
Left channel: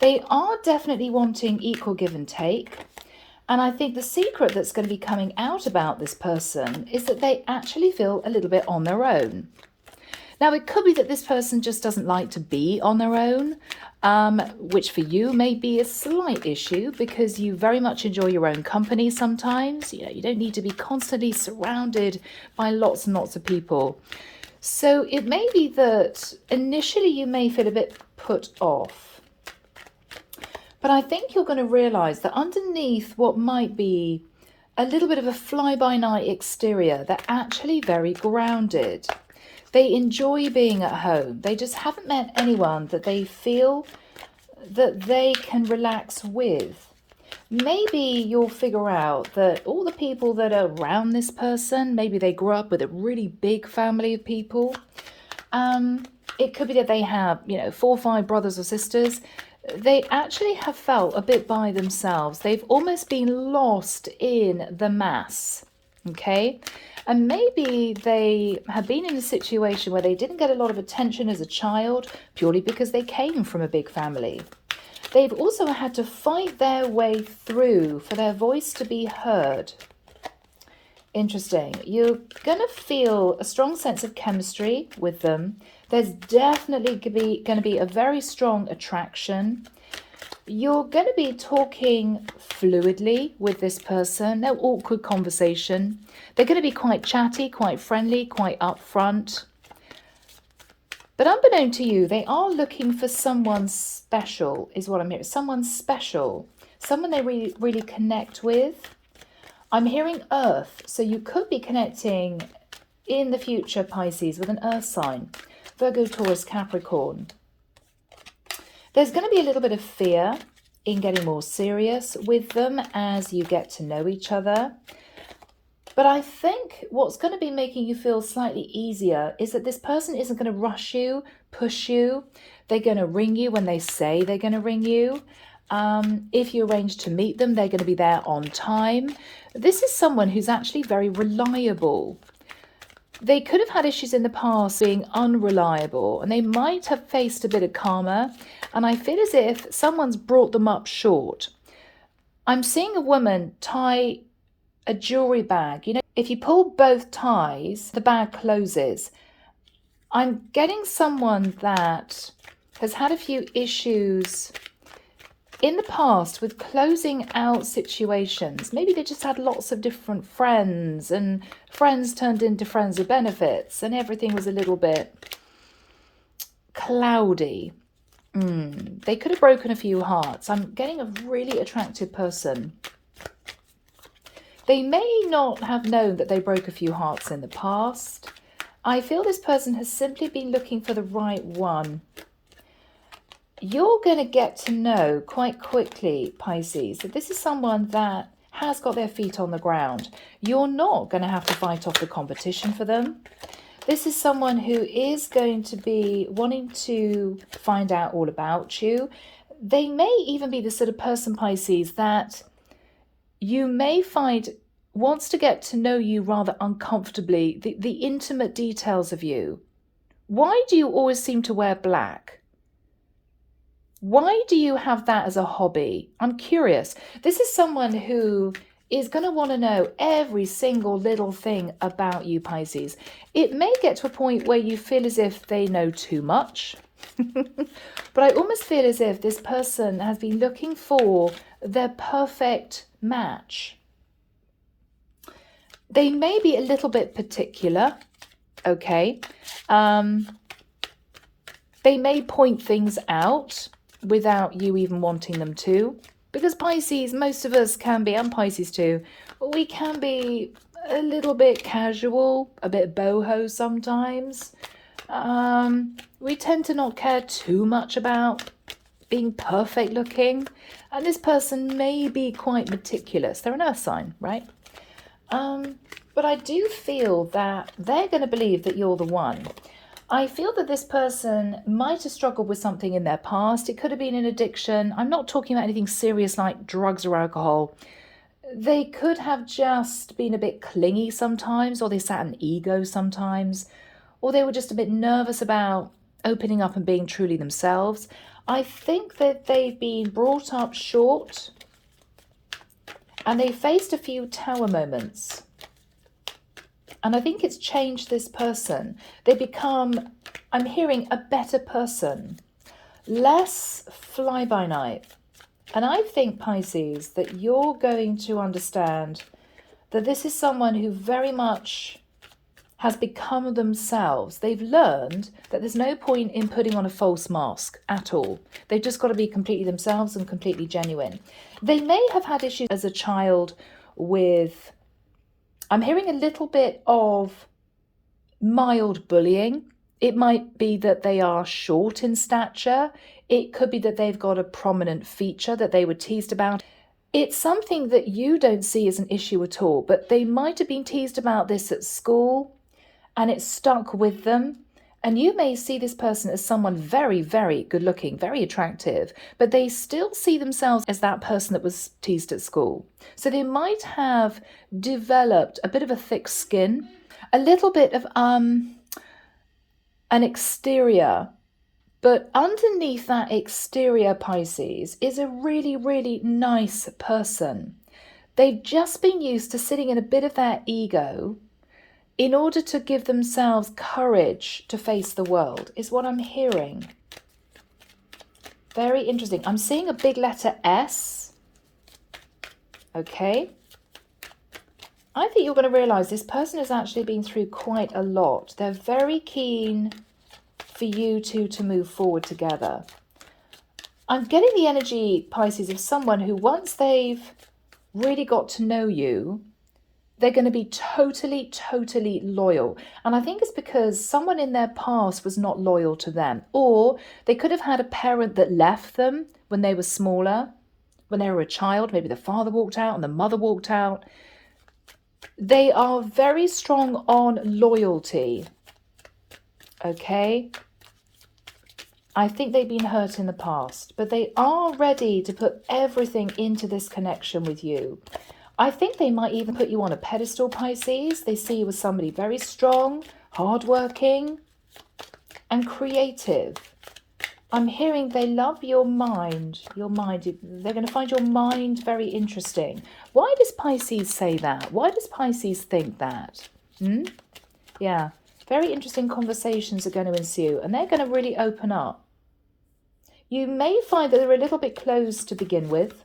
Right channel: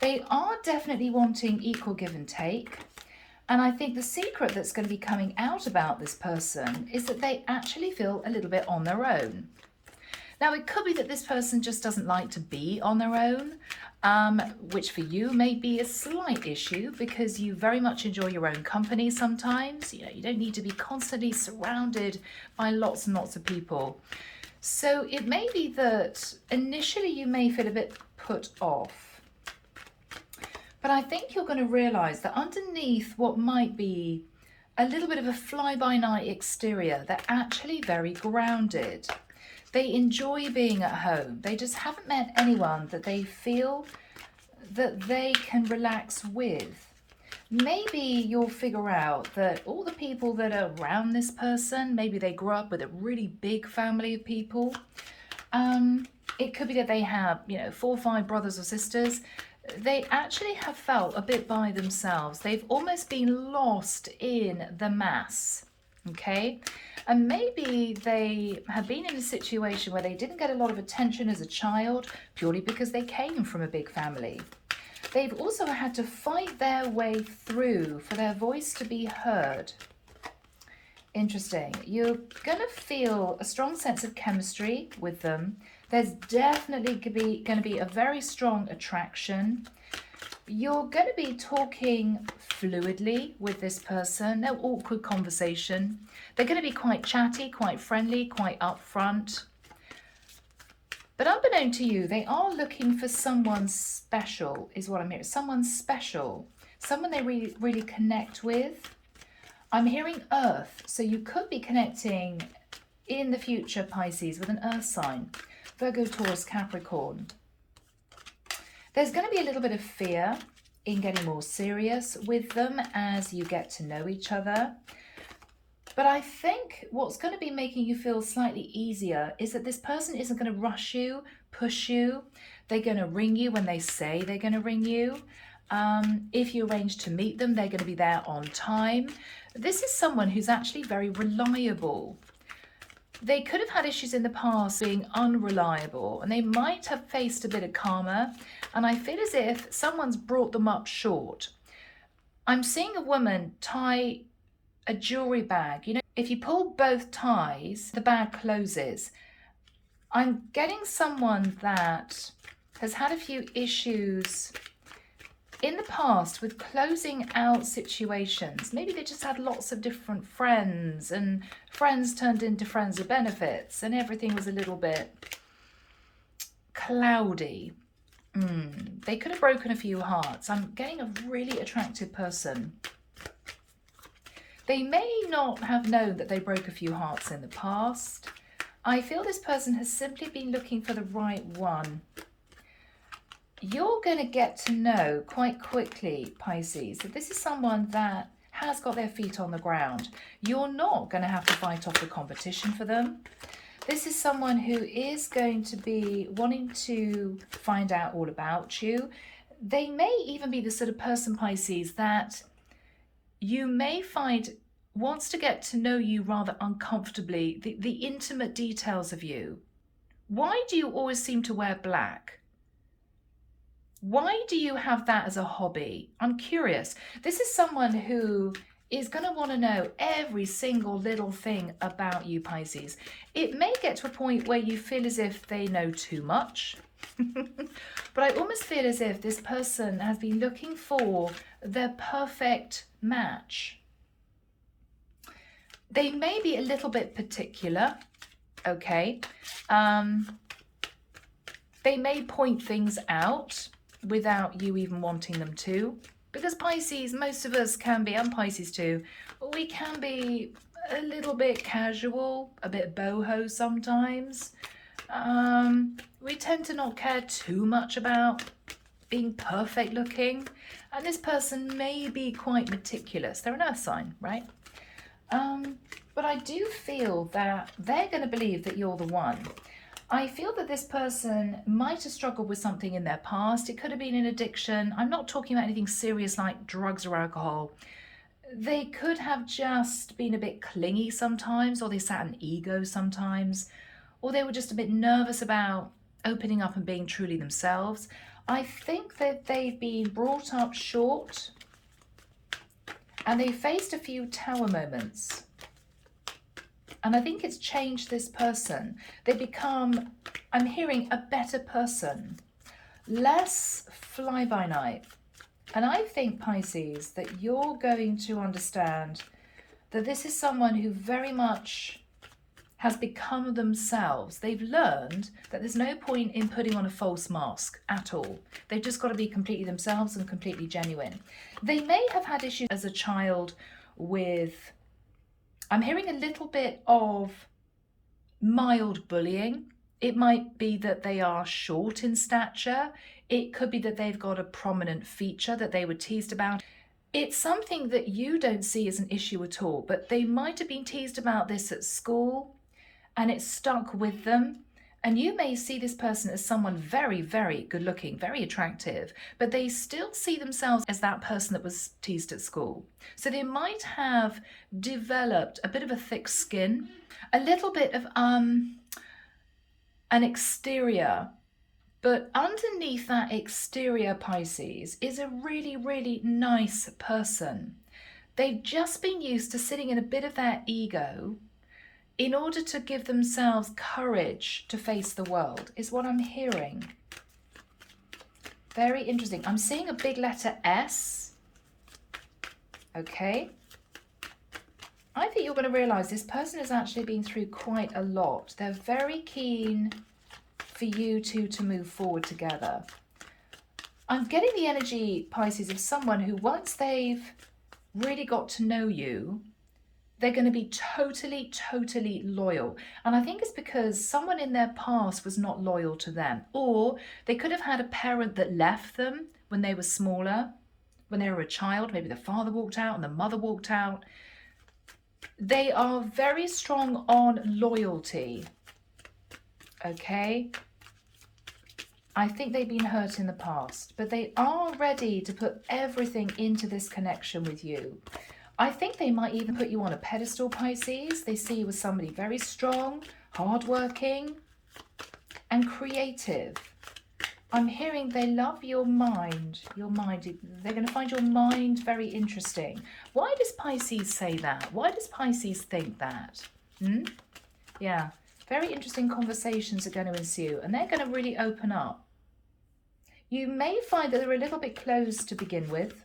They are definitely wanting equal give and take. And I think the secret that's going to be coming out about this person is that they actually feel a little bit on their own. Now, it could be that this person just doesn't like to be on their own, which for you may be a slight issue, because you very much enjoy your own company sometimes. You know, you don't need to be constantly surrounded by lots and lots of people. So it may be that initially you may feel a bit put off. But I think you're going to realize that underneath what might be a little bit of a fly-by-night exterior, they're actually very grounded. They enjoy being at home. They just haven't met anyone that they feel that they can relax with. Maybe you'll figure out that all the people that are around this person, maybe they grew up with a really big family of people. It could be that they have, 4 or 5 brothers or sisters. They actually have felt a bit by themselves. They've almost been lost in the mass, okay? And maybe they have been in a situation where they didn't get a lot of attention as a child, purely because they came from a big family. They've also had to fight their way through for their voice to be heard. Interesting. You're going to feel a strong sense of chemistry with them. There's definitely going to be a very strong attraction. You're going to be talking fluidly with this person. No awkward conversation. They're going to be quite chatty, quite friendly, quite upfront. But unbeknown to you, they are looking for someone special, is what I'm hearing. Someone special. Someone they really connect with. I'm hearing Earth. So you could be connecting in the future, Pisces, with an Earth sign. Virgo, Taurus, Capricorn. There's going to be a little bit of fear in getting more serious with them as you get to know each other. But I think what's going to be making you feel slightly easier is that this person isn't going to rush you, push you. They're going to ring you when they say they're going to ring you. If you arrange to meet them, they're going to be there on time. This is someone who's actually very reliable. They could have had issues in the past being unreliable, and they might have faced a bit of karma. And I feel as if someone's brought them up short. I'm seeing a woman tie a jewelry bag. You know, if you pull both ties, the bag closes. I'm getting someone that has had a few issues in the past with closing out situations. Maybe they just had lots of different friends, and friends turned into friends with benefits, and everything was a little bit cloudy. They could have broken a few hearts. I'm getting a really attractive person. They may not have known that they broke a few hearts in the past. I feel this person has simply been looking for the right one. You're going to get to know quite quickly, Pisces, that this is someone that has got their feet on the ground. You're not going to have to fight off the competition for them. This is someone who is going to be wanting to find out all about you. They may even be the sort of person, Pisces, that you may find wants to get to know you rather uncomfortably, the intimate details of you. Why do you always seem to wear black? Why do you have that as a hobby? I'm curious. This is someone who is going to want to know every single little thing about you, Pisces. It may get to a point where you feel as if they know too much. But I almost feel as if this person has been looking for their perfect match. They may be a little bit particular, okay? They may point things out without you even wanting them to. Because Pisces, most of us can be, and Pisces too, but we can be a little bit casual, a bit boho sometimes. We tend to not care too much about being perfect looking. And this person may be quite meticulous. They're an earth sign, right? But I do feel that they're going to believe that you're the one. I feel that this person might have struggled with something in their past. It could have been an addiction. I'm not talking about anything serious like drugs or alcohol. They could have just been a bit clingy sometimes, or they sat in ego sometimes, or they were just a bit nervous about opening up and being truly themselves. I think that they've been brought up short, and they faced a few tower moments. And I think it's changed this person. They become, I'm hearing, a better person, less fly-by-night. And I think, Pisces, that you're going to understand that this is someone who very much has become themselves. They've learned that there's no point in putting on a false mask at all. They've just got to be completely themselves and completely genuine. They may have had issues as a child with, I'm hearing a little bit of mild bullying. It might be that they are short in stature. It could be that they've got a prominent feature that they were teased about. It's something that you don't see as an issue at all, but they might have been teased about this at school and it stuck with them. And you may see this person as someone very, very good looking, very attractive, but they still see themselves as that person that was teased at school. So they might have developed a bit of a thick skin, a little bit of an exterior But underneath that exterior, Pisces, is a really, really nice person. They've just been used to sitting in a bit of their ego in order to give themselves courage to face the world, is what I'm hearing. Very interesting. I'm seeing a big letter S. Okay. I think you're going to realize this person has actually been through quite a lot. They're very keen for you two to move forward together. I'm getting the energy, Pisces, of someone who once they've really got to know you, they're going to be totally, totally loyal. And I think it's because someone in their past was not loyal to them. Or they could have had a parent that left them when they were smaller, when they were a child. Maybe the father walked out and the mother walked out. They are very strong on loyalty. Okay? I think they've been hurt in the past, but they are ready to put everything into this connection with you. I think they might even put you on a pedestal, Pisces. They see you as somebody very strong, hardworking, and creative. I'm hearing they love your mind. Your mind. They're going to find your mind very interesting. Why does Pisces say that? Why does Pisces think that? Yeah, very interesting conversations are going to ensue, and they're going to really open up. You may find that they're a little bit closed to begin with,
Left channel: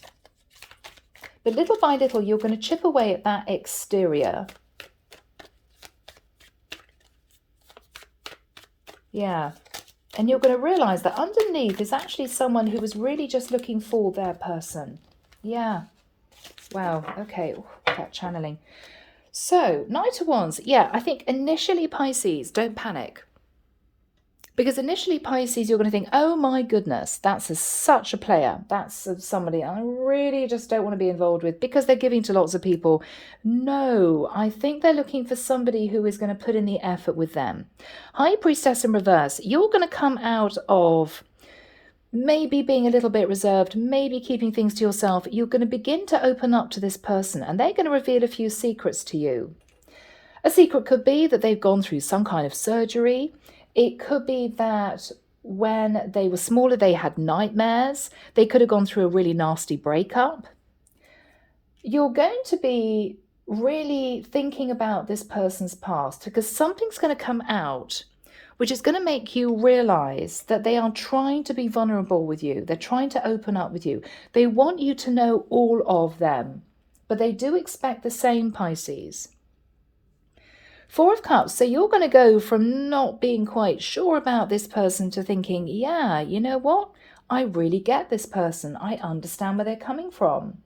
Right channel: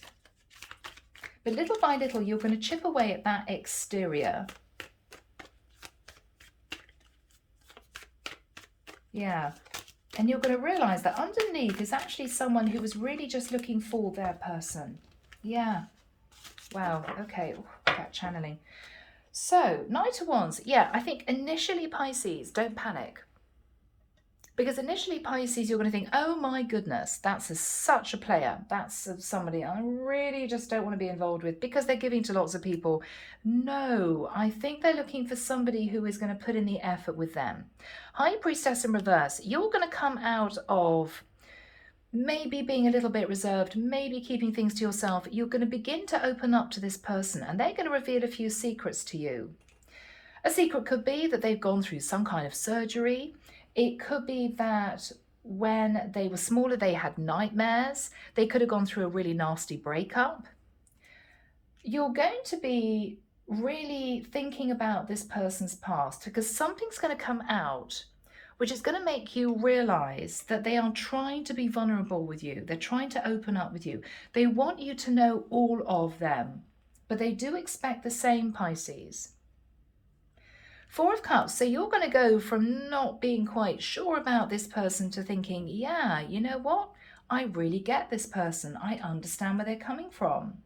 but little by little, you're going to chip away at that exterior. Yeah. And you're going to realize that underneath is actually someone who was really just looking for their person. Yeah. Wow. Okay. That channeling. So, Knight of Wands. Yeah, I think initially, Pisces, don't panic. Because initially, Pisces, you're going to think, oh my goodness, that's such a player. That's somebody I really just don't want to be involved with because they're giving to lots of people. No, I think they're looking for somebody who is going to put in the effort with them. High Priestess in reverse, you're going to come out of maybe being a little bit reserved, maybe keeping things to yourself. You're going to begin to open up to this person and they're going to reveal a few secrets to you. A secret could be that they've gone through some kind of surgery. It could be that when they were smaller, they had nightmares. They could have gone through a really nasty breakup. You're going to be really thinking about this person's past because something's going to come out which is going to make you realize that they are trying to be vulnerable with you. They're trying to open up with you. They want you to know all of them, but they do expect the same, Pisces. Four of Cups, so you're going to go from not being quite sure about this person to thinking, yeah, you know what? I really get this person. I understand where they're coming from.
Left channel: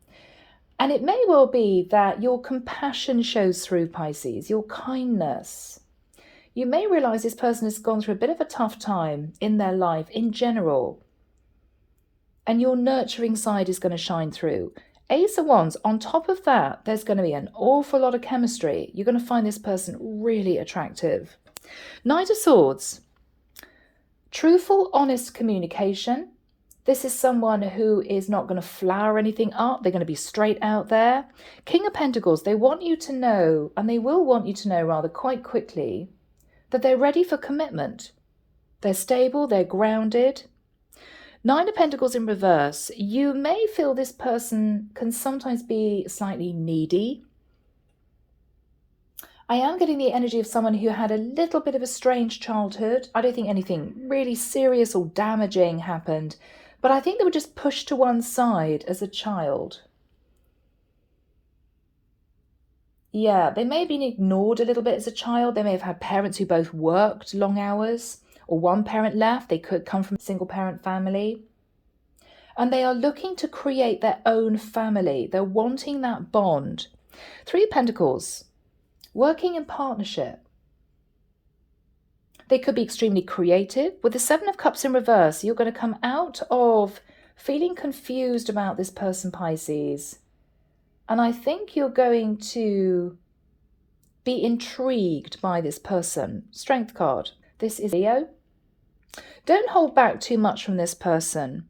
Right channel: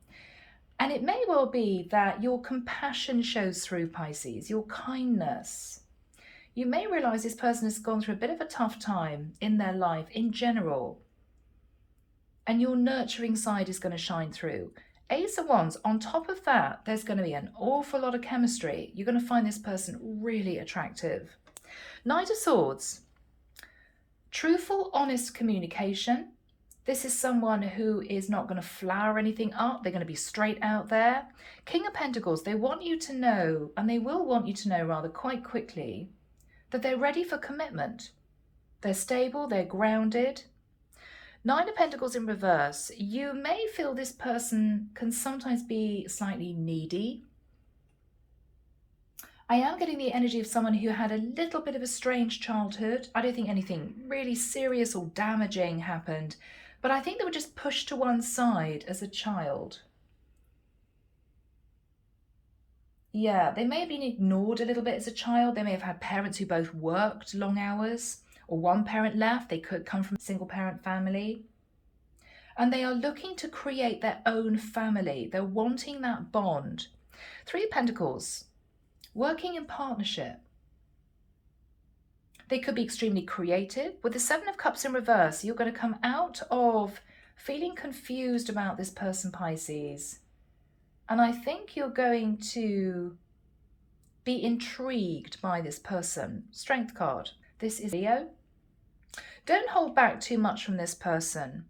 And it may well be that your compassion shows through, Pisces, your kindness. You may realize this person has gone through a bit of a tough time in their life in general. And your nurturing side is going to shine through. Ace of Wands, on top of that, there's going to be an awful lot of chemistry. You're going to find this person really attractive. Knight of Swords, truthful, honest communication. This is someone who is not going to flower anything up. They're going to be straight out there. King of Pentacles, they want you to know, and they will want you to know rather quite quickly, that they're ready for commitment. They're stable, they're grounded. Nine of Pentacles in reverse, you may feel this person can sometimes be slightly needy. I am getting the energy of someone who had a little bit of a strange childhood. I don't think anything really serious or damaging happened, but I think they were just pushed to one side as a child. Yeah, they may have been ignored a little bit as a child. They may have had parents who both worked long hours, or one parent left. They could come from a single parent family. And they are looking to create their own family. They're wanting that bond. Three of Pentacles, working in partnership. They could be extremely creative. With the Seven of Cups in reverse, you're going to come out of feeling confused about this person, Pisces. And I think you're going to be intrigued by this person. Strength card. This is Leo. Don't hold back too much from this person.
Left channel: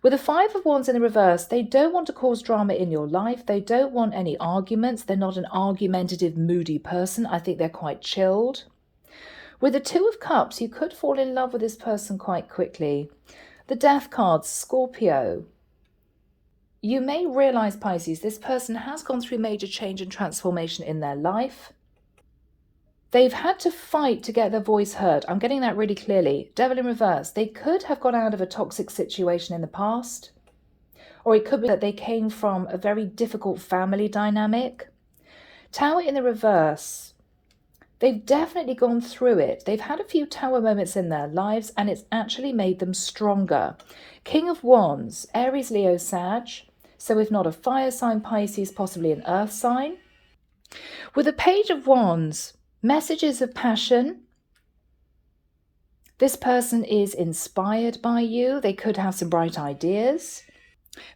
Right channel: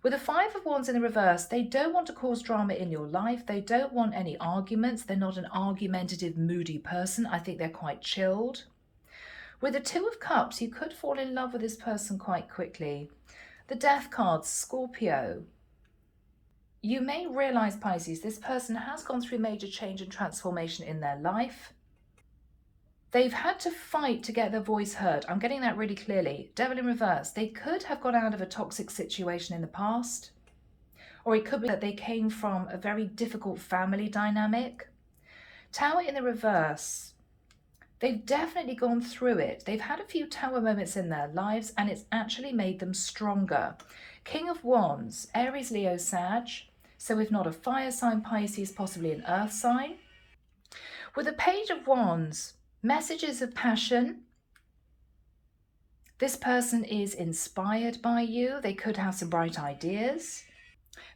With the Five of Wands in the reverse, they don't want to cause drama in your life. They don't want any arguments. They're not an argumentative, moody person. I think they're quite chilled. With the Two of Cups, you could fall in love with this person quite quickly. The Death card, Scorpio. You may realize, Pisces, this person has gone through major change and transformation in their life. They've had to fight to get their voice heard. I'm getting that really clearly. Devil in reverse. They could have got out of a toxic situation in the past. Or it could be that they came from a very difficult family dynamic. Tower in the reverse. They've definitely gone through it. They've had a few tower moments in their lives and it's actually made them stronger. King of Wands, Aries, Leo, Sag. So if not a fire sign, Pisces, possibly an earth sign. With the Page of Wands, messages of passion. This person is inspired by you. They could have some bright ideas.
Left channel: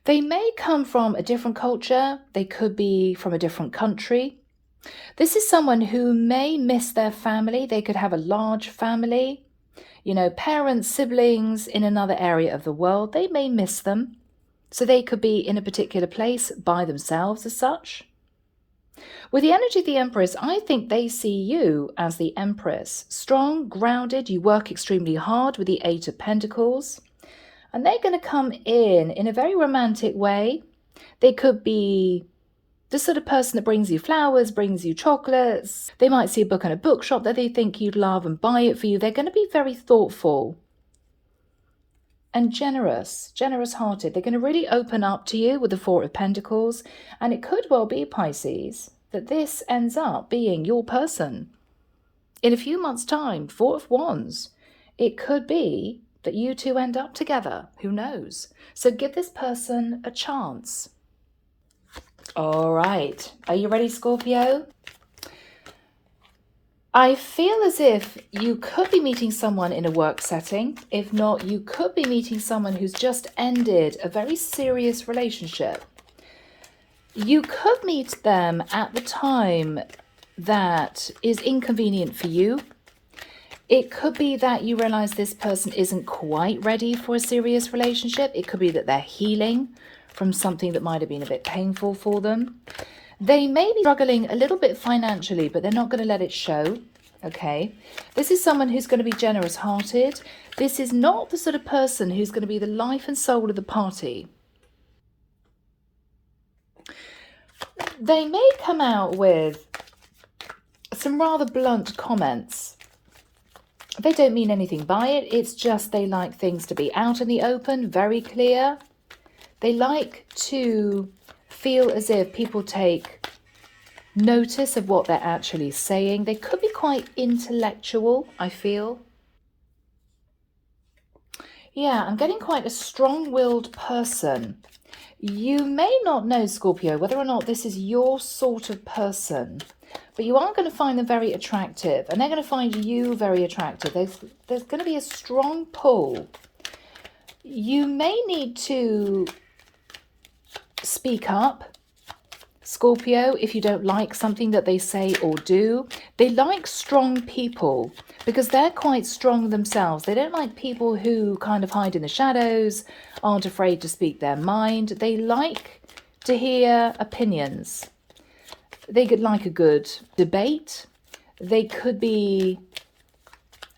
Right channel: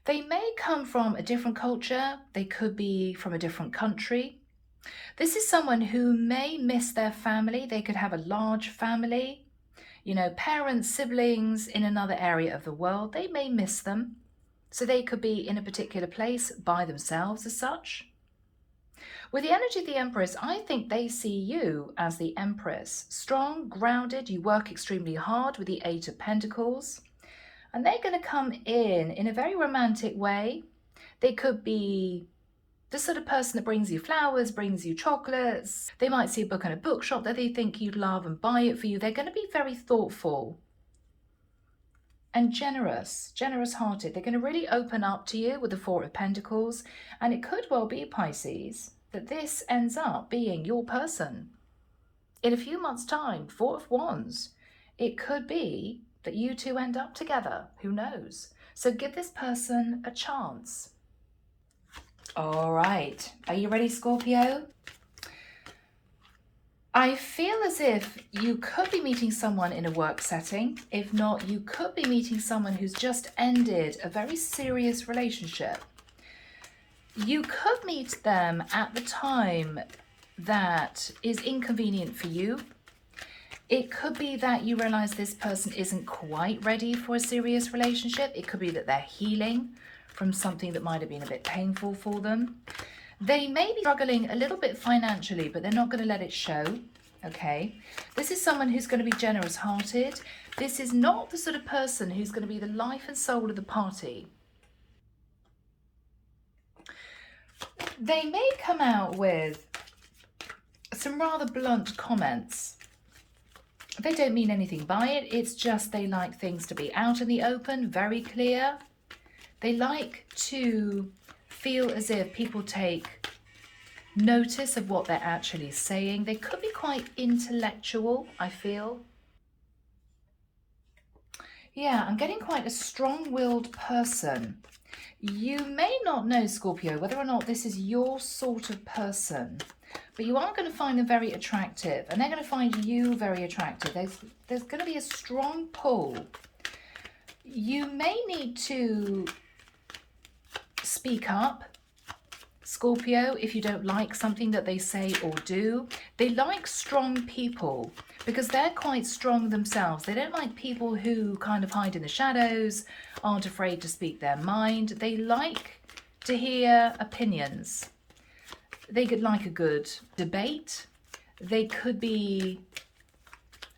They may come from a different culture. They could be from a different country. This is someone who may miss their family. They could have a large family, you know, parents, siblings in another area of the world. They may miss them. So they could be in a particular place by themselves as such. With the energy of the Empress, I think they see you as the Empress. Strong, grounded, you work extremely hard with the Eight of Pentacles. And they're going to come in a very romantic way. They could be the sort of person that brings you flowers, brings you chocolates. They might see a book in a bookshop that they think you'd love and buy it for you. They're going to be very thoughtful and generous-hearted. They're going to really open up to you with the Four of Pentacles. And it could well be, Pisces, that this ends up being your person. In a few months' time, Four of Wands, it could be that you two end up together. Who knows? So give this person a chance. All right. Are you ready, Scorpio? I feel as if you could be meeting someone in a work setting. If not, you could be meeting someone who's just ended a very serious relationship. You could meet them at the time that is inconvenient for you. It could be that you realize this person isn't quite ready for a serious relationship. It could be that they're healing from something that might have been a bit painful for them. They may be struggling a little bit financially, but they're not going to let it show, okay? This is someone who's going to be generous-hearted. This is not the sort of person who's going to be the life and soul of the party. They may come out with some rather blunt comments. They don't mean anything by it. It's just they like things to be out in the open, very clear. They like to feel as if people take notice of what they're actually saying. They could be quite intellectual, I feel. Yeah, I'm getting quite a strong-willed person. You may not know, Scorpio, whether or not this is your sort of person, but you are going to find them very attractive, and they're going to find you very attractive. There's going to be a strong pull. You may need to speak up, Scorpio, if you don't like something that they say or do. They like strong people because they're quite strong themselves. They don't like people who kind of hide in the shadows, aren't afraid to speak their mind. They like to hear opinions. They could like a good debate. They could be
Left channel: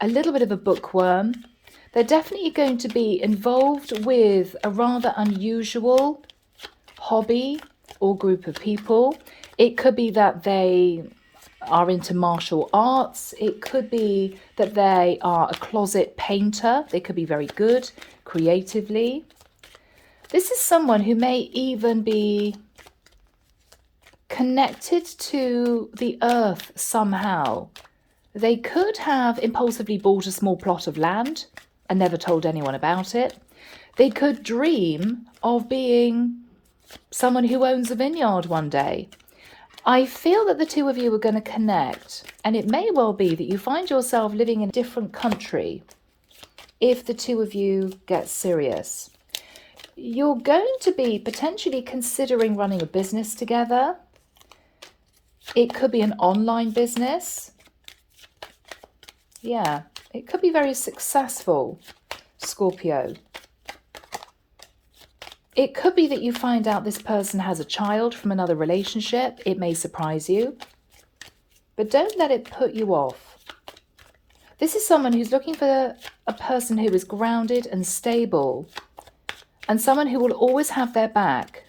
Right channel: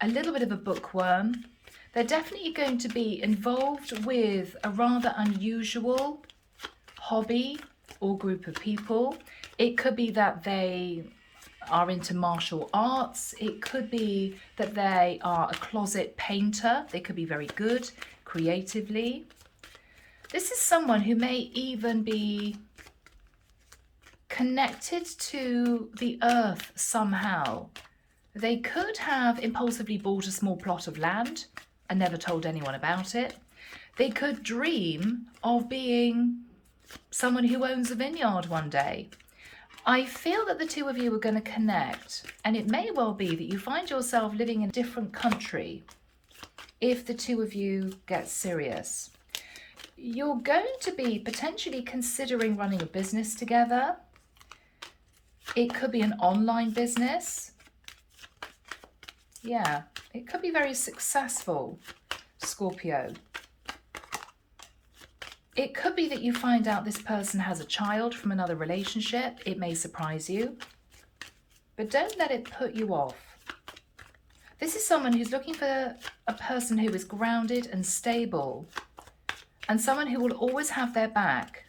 a little bit of a bookworm. They're definitely going to be involved with a rather unusual hobby or group of people. It could be that they are into martial arts. It could be that they are a closet painter. They could be very good creatively. This is someone who may even be connected to the earth somehow. They could have impulsively bought a small plot of land and never told anyone about it. They could dream of being someone who owns a vineyard one day. I feel that the two of you are going to connect, and it may well be that you find yourself living in a different country if the two of you get serious. You're going to be potentially considering running a business together. It could be an online business. Yeah, it could be very successful, Scorpio. It could be that you find out this person has a child from another relationship. It may surprise you, but don't let it put you off. This is someone who's looking for a person who is grounded and stable, and someone who will always have their back.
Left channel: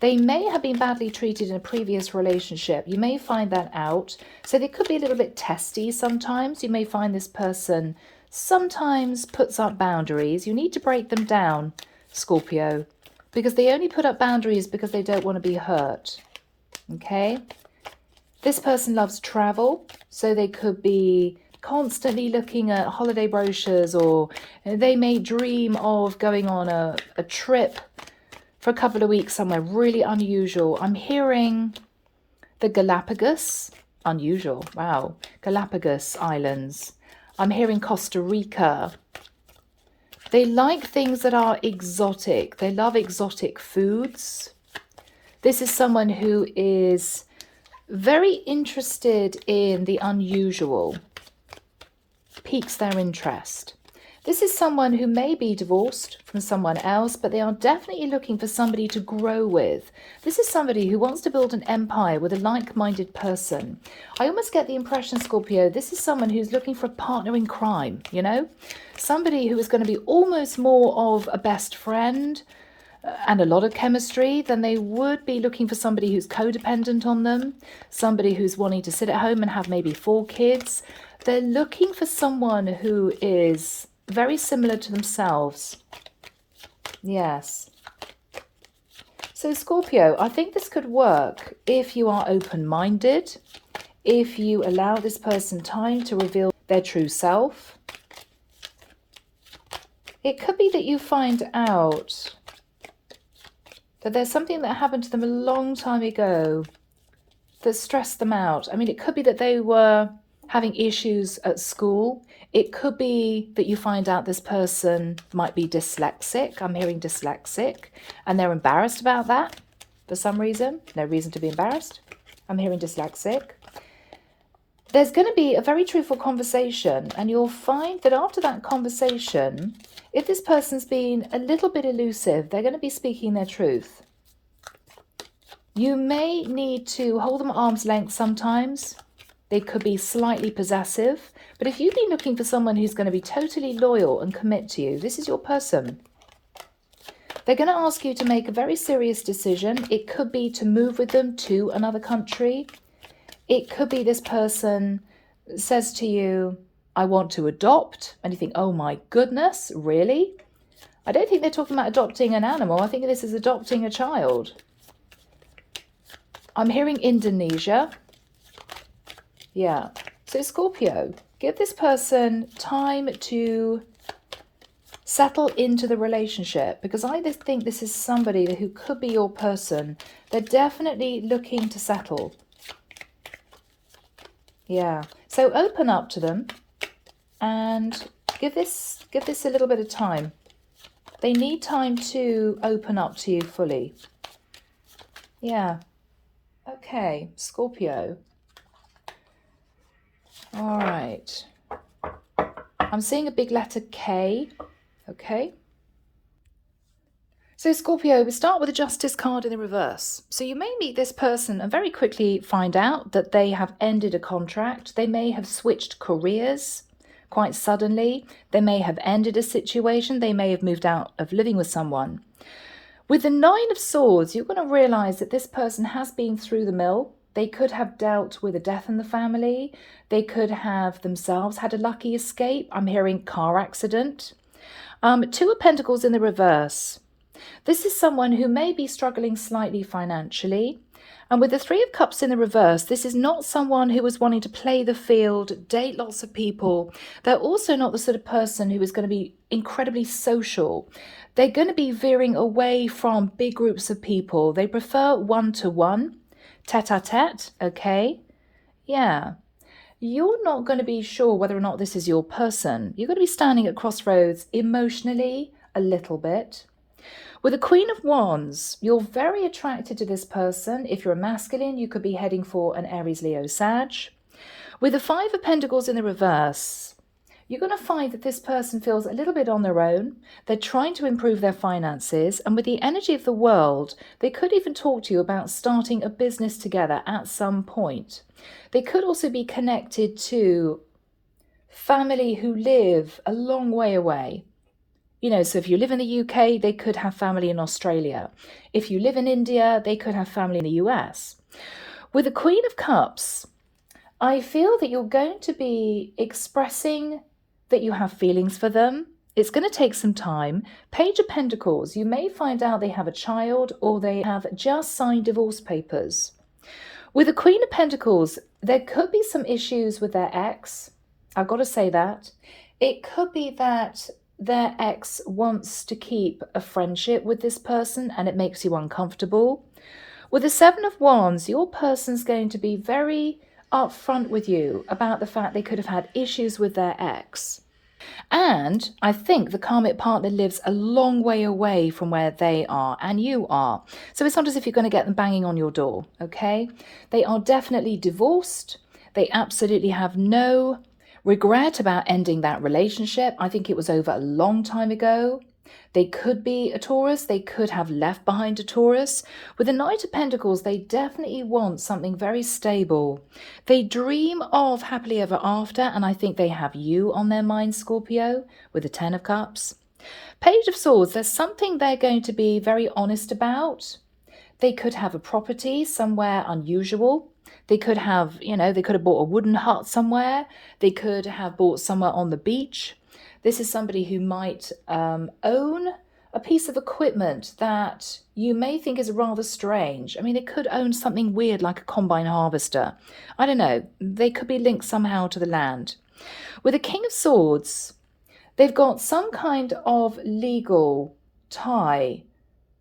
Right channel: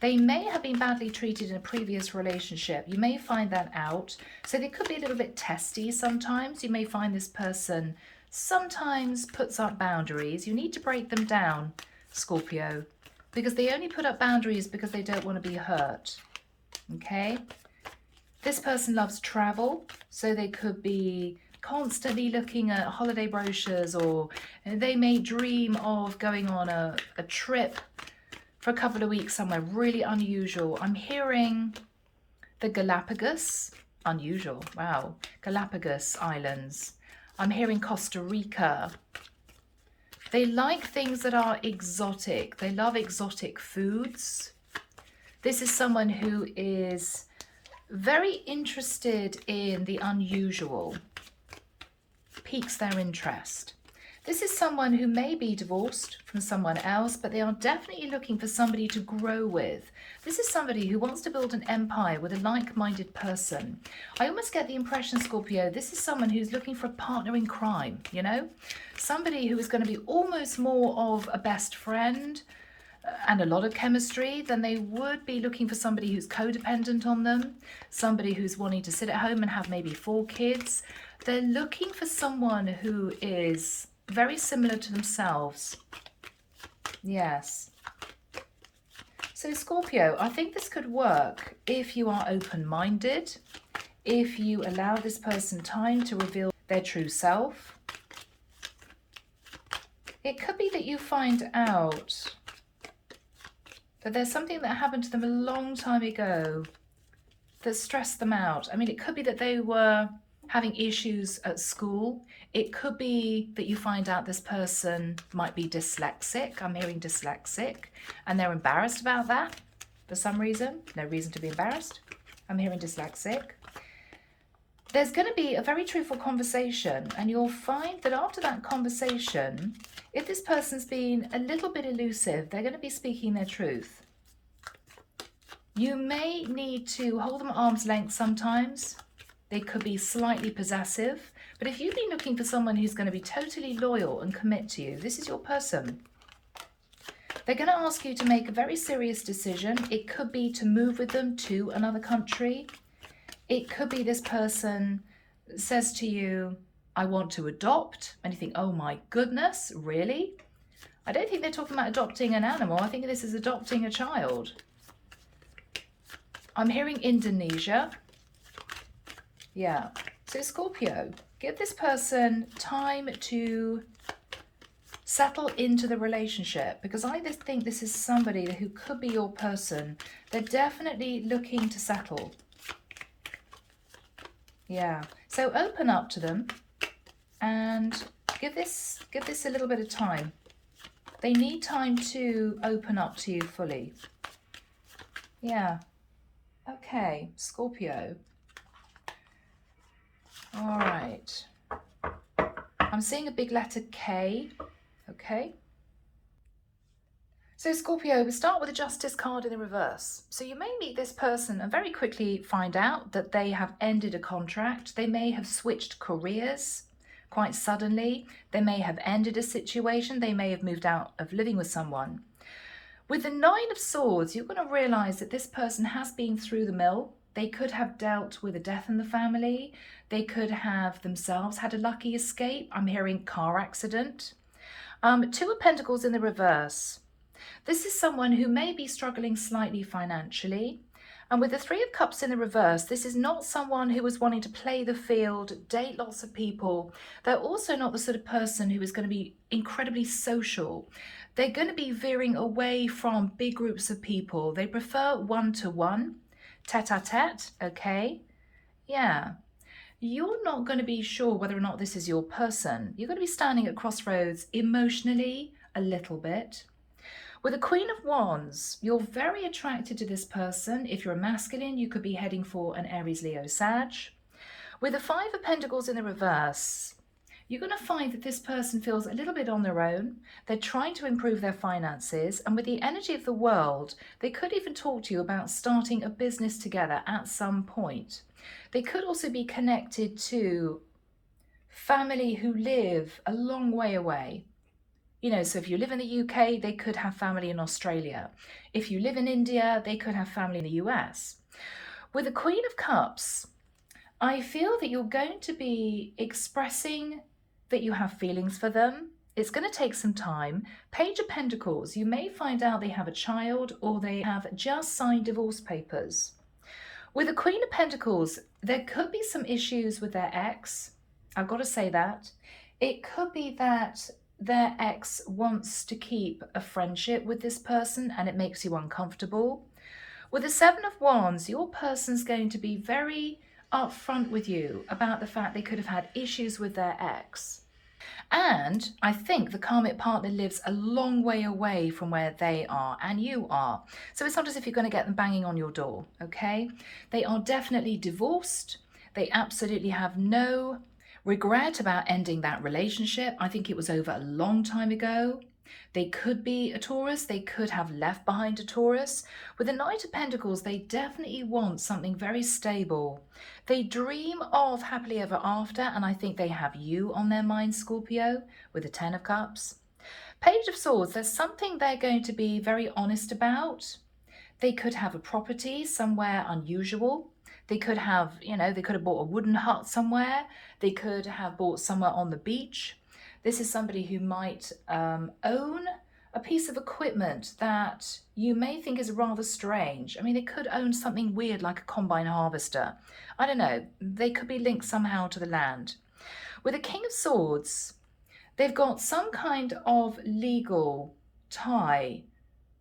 They may have been badly treated in a previous relationship. You may find that out. So they could be a little bit testy sometimes. You may find this person sometimes puts up boundaries. You need to break them down, Scorpio, because they only put up boundaries because they don't want to be hurt. Okay? This person loves travel, so they could be constantly looking at holiday brochures, or they may dream of going on a trip for a couple of weeks somewhere really unusual. I'm hearing the Galapagos, unusual, wow, Galapagos Islands. I'm hearing Costa Rica. They like things that are exotic. They love exotic foods. This is someone who is very interested in the unusual, piques their interest. This is someone who may be divorced from someone else, but they are definitely looking for somebody to grow with. This is somebody who wants to build an empire with a like-minded person. I almost get the impression, Scorpio, this is someone who's looking for a partner in crime, you know? Somebody who is going to be almost more of a best friend and a lot of chemistry than they would be looking for somebody who's codependent on them, somebody who's wanting to sit at home and have maybe 4 kids. They're looking for someone who is very similar to themselves. Yes. So Scorpio, I think this could work if you are open-minded, if you allow this person time to reveal their true self. It could be that you find out that there's something that happened to them a long time ago that stressed them out. I mean, it could be that they were having issues at school. It could be that you find out this person might be dyslexic. I'm hearing dyslexic, and they're embarrassed about that for some reason. No reason to be embarrassed. I'm hearing dyslexic. There's going to be a very truthful conversation, and you'll find that after that conversation, if this person's been a little bit elusive, they're going to be speaking their truth. You may need to hold them at arm's length sometimes. They could be slightly possessive. But if you've been looking for someone who's going to be totally loyal and commit to you, this is your person. They're going to ask you to make a very serious decision. It could be to move with them to another country. It could be this person says to you, I want to adopt. And you think, oh my goodness, really? I don't think they're talking about adopting an animal. I think this is adopting a child. I'm hearing Indonesia. Yeah. So Scorpio, give this person time to settle into the relationship, because I just think this is somebody who could be your person. They're definitely looking to settle. Yeah. So open up to them and give this a little bit of time. They need time to open up to you fully. Yeah. Okay, Scorpio. All right. I'm seeing a big letter K. Okay. So Scorpio, we start with the Justice card in the reverse. So you may meet this person and very quickly find out that they have ended a contract. They may have switched careers quite suddenly. They may have ended a situation. They may have moved out of living with someone. With the 9 of Swords, you're going to realize that this person has been through the mill. They could have dealt with a death in the family. They could have themselves had a lucky escape. I'm hearing car accident. 2 of Pentacles in the reverse. This is someone who may be struggling slightly financially. And with the 3 of Cups in the reverse, this is not someone who is wanting to play the field, date lots of people. They're also not the sort of person who is going to be incredibly social. They're going to be veering away from big groups of people. They prefer one-to-one, tete-a-tete, okay? Yeah. You're not going to be sure whether or not this is your person. You're going to be standing at crossroads emotionally a little bit. With the Queen of Wands, you're very attracted to this person. If you're a masculine, you could be heading for an Aries, Leo, Sag. With the 5 of Pentacles in the reverse, you're going to find that this person feels a little bit on their own. They're trying to improve their finances. And with the energy of the world, they could even talk to you about starting a business together at some point. They could also be connected to family who live a long way away. You know, so if you live in the UK, they could have family in Australia. If you live in India, they could have family in the US. With the Queen of Cups, I feel that you're going to be expressing that you have feelings for them. It's going to take some time. Page of Pentacles, you may find out they have a child or they have just signed divorce papers. With the Queen of Pentacles, there could be some issues with their ex. I've got to say that. It could be that their ex wants to keep a friendship with this person and it makes you uncomfortable. With the Seven of Wands, your person's going to be very upfront with you about the fact they could have had issues with their ex. And I think the karmic partner lives a long way away from where they are and you are. So it's not as if you're going to get them banging on your door, okay? They are definitely divorced. They absolutely have no regret about ending that relationship. I think it was over a long time ago. They could be a Taurus. They could have left behind a Taurus. With the Knight of Pentacles, they definitely want something very stable. They dream of happily ever after, and I think they have you on their mind, Scorpio, with the Ten of Cups. Page of Swords, there's something they're going to be very honest about. They could have a property somewhere unusual. They could have, they could have bought a wooden hut somewhere. They could have bought somewhere on the beach. This is somebody who might own a piece of equipment that you may think is rather strange. I mean, they could own something weird like a combine harvester. I don't know. They could be linked somehow to the land. With the King of Swords, they've got some kind of legal tie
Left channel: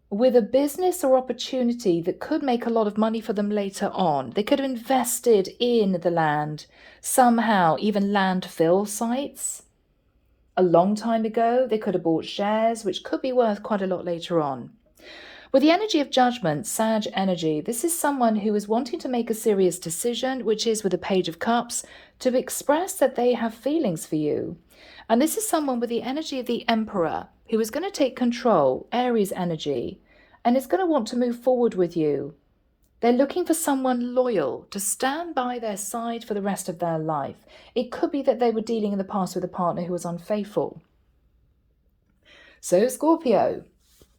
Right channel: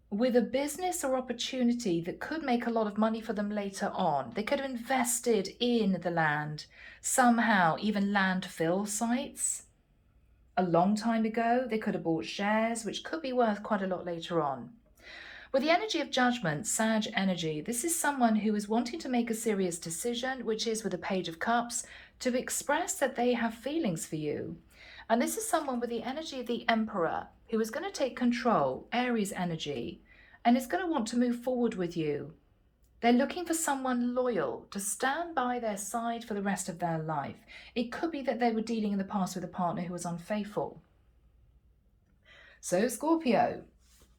with a business or opportunity that could make a lot of money for them later on. They could have invested in the land somehow, even landfill sites. A long time ago, they could have bought shares, which could be worth quite a lot later on. With the energy of judgment, Sag energy, this is someone who is wanting to make a serious decision, which is with the Page of Cups, to express that they have feelings for you. And this is someone with the energy of the Emperor, who is going to take control, Aries energy, and is going to want to move forward with you. They're looking for someone loyal to stand by their side for the rest of their life. It could be that they were dealing in the past with a partner who was unfaithful. So Scorpio,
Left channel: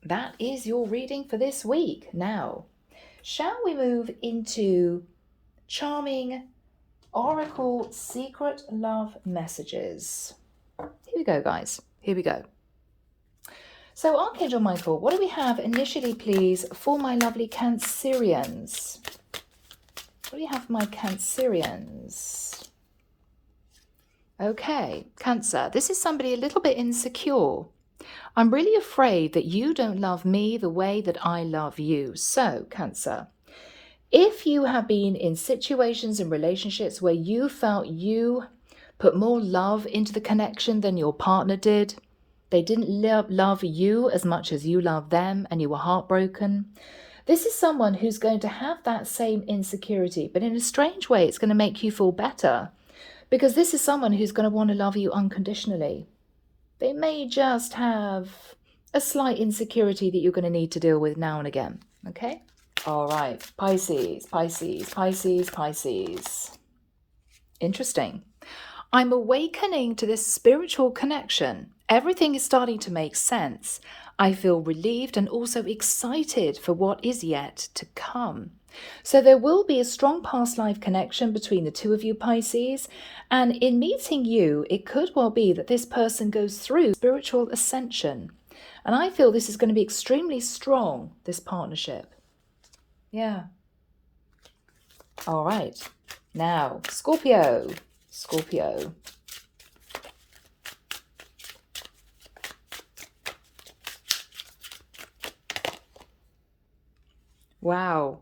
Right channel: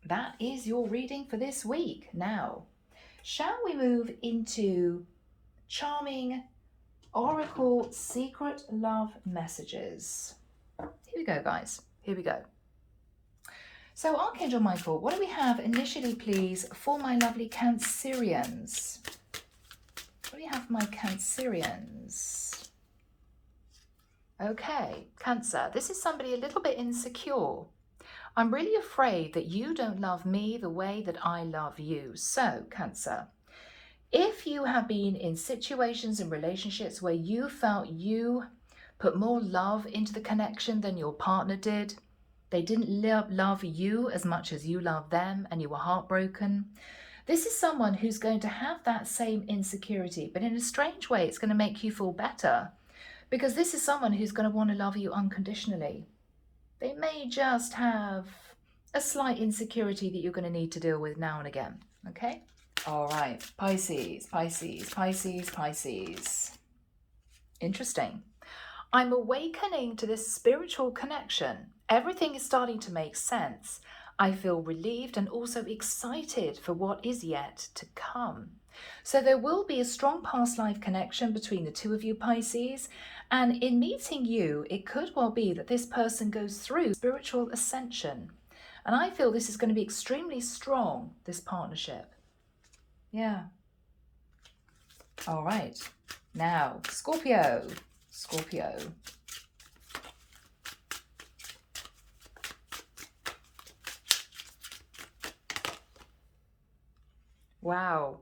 that is your reading for this week. Now, shall we move into charming Oracle Secret Love Messages? Here we go, guys. Here we go. So Archangel Michael, what do we have initially, please, for my lovely Cancerians? What do we have for my Cancerians? Okay, Cancer, this is somebody a little bit insecure. I'm really afraid that you don't love me the way that I love you. So, Cancer, if you have been in situations and relationships where you felt you put more love into the connection than your partner did, they didn't love you as much as you loved them, and you were heartbroken. This is someone who's going to have that same insecurity, but in a strange way, it's going to make you feel better, because this is someone who's going to want to love you unconditionally. They may just have a slight insecurity that you're going to need to deal with now and again. Okay? All right. Pisces, Pisces, Pisces, Pisces. Interesting. I'm awakening to this spiritual connection. Everything is starting to make sense. I feel relieved and also excited for what is yet to come. So there will be a strong past life connection between the two of you, Pisces. And in meeting you, it could well be that this person goes through spiritual ascension. And I feel this is going to be extremely strong, this partnership. Yeah. All right. Now, Scorpio. Scorpio. Wow.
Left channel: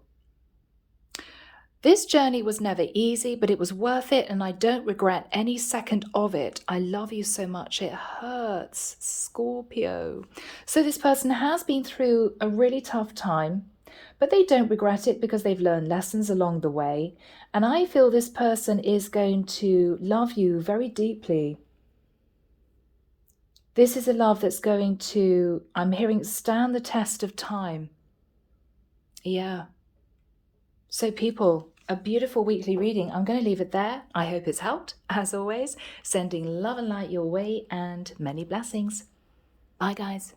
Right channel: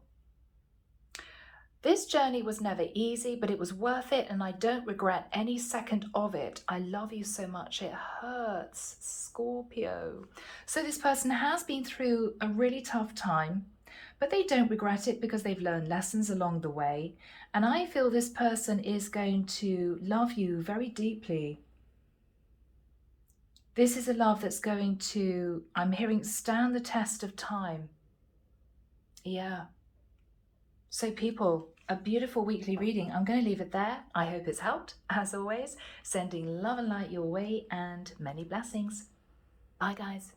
This journey was never easy, but it was worth it, and I don't regret any second of it. I love you so much. It hurts, Scorpio. So this person has been through a really tough time, but they don't regret it because they've learned lessons along the way. And I feel this person is going to love you very deeply. This is a love that's going to, I'm hearing, stand the test of time. Yeah. So people, a beautiful weekly reading. I'm going to leave it there. I hope it's helped. As always, sending love and light your way and many blessings. Bye, guys.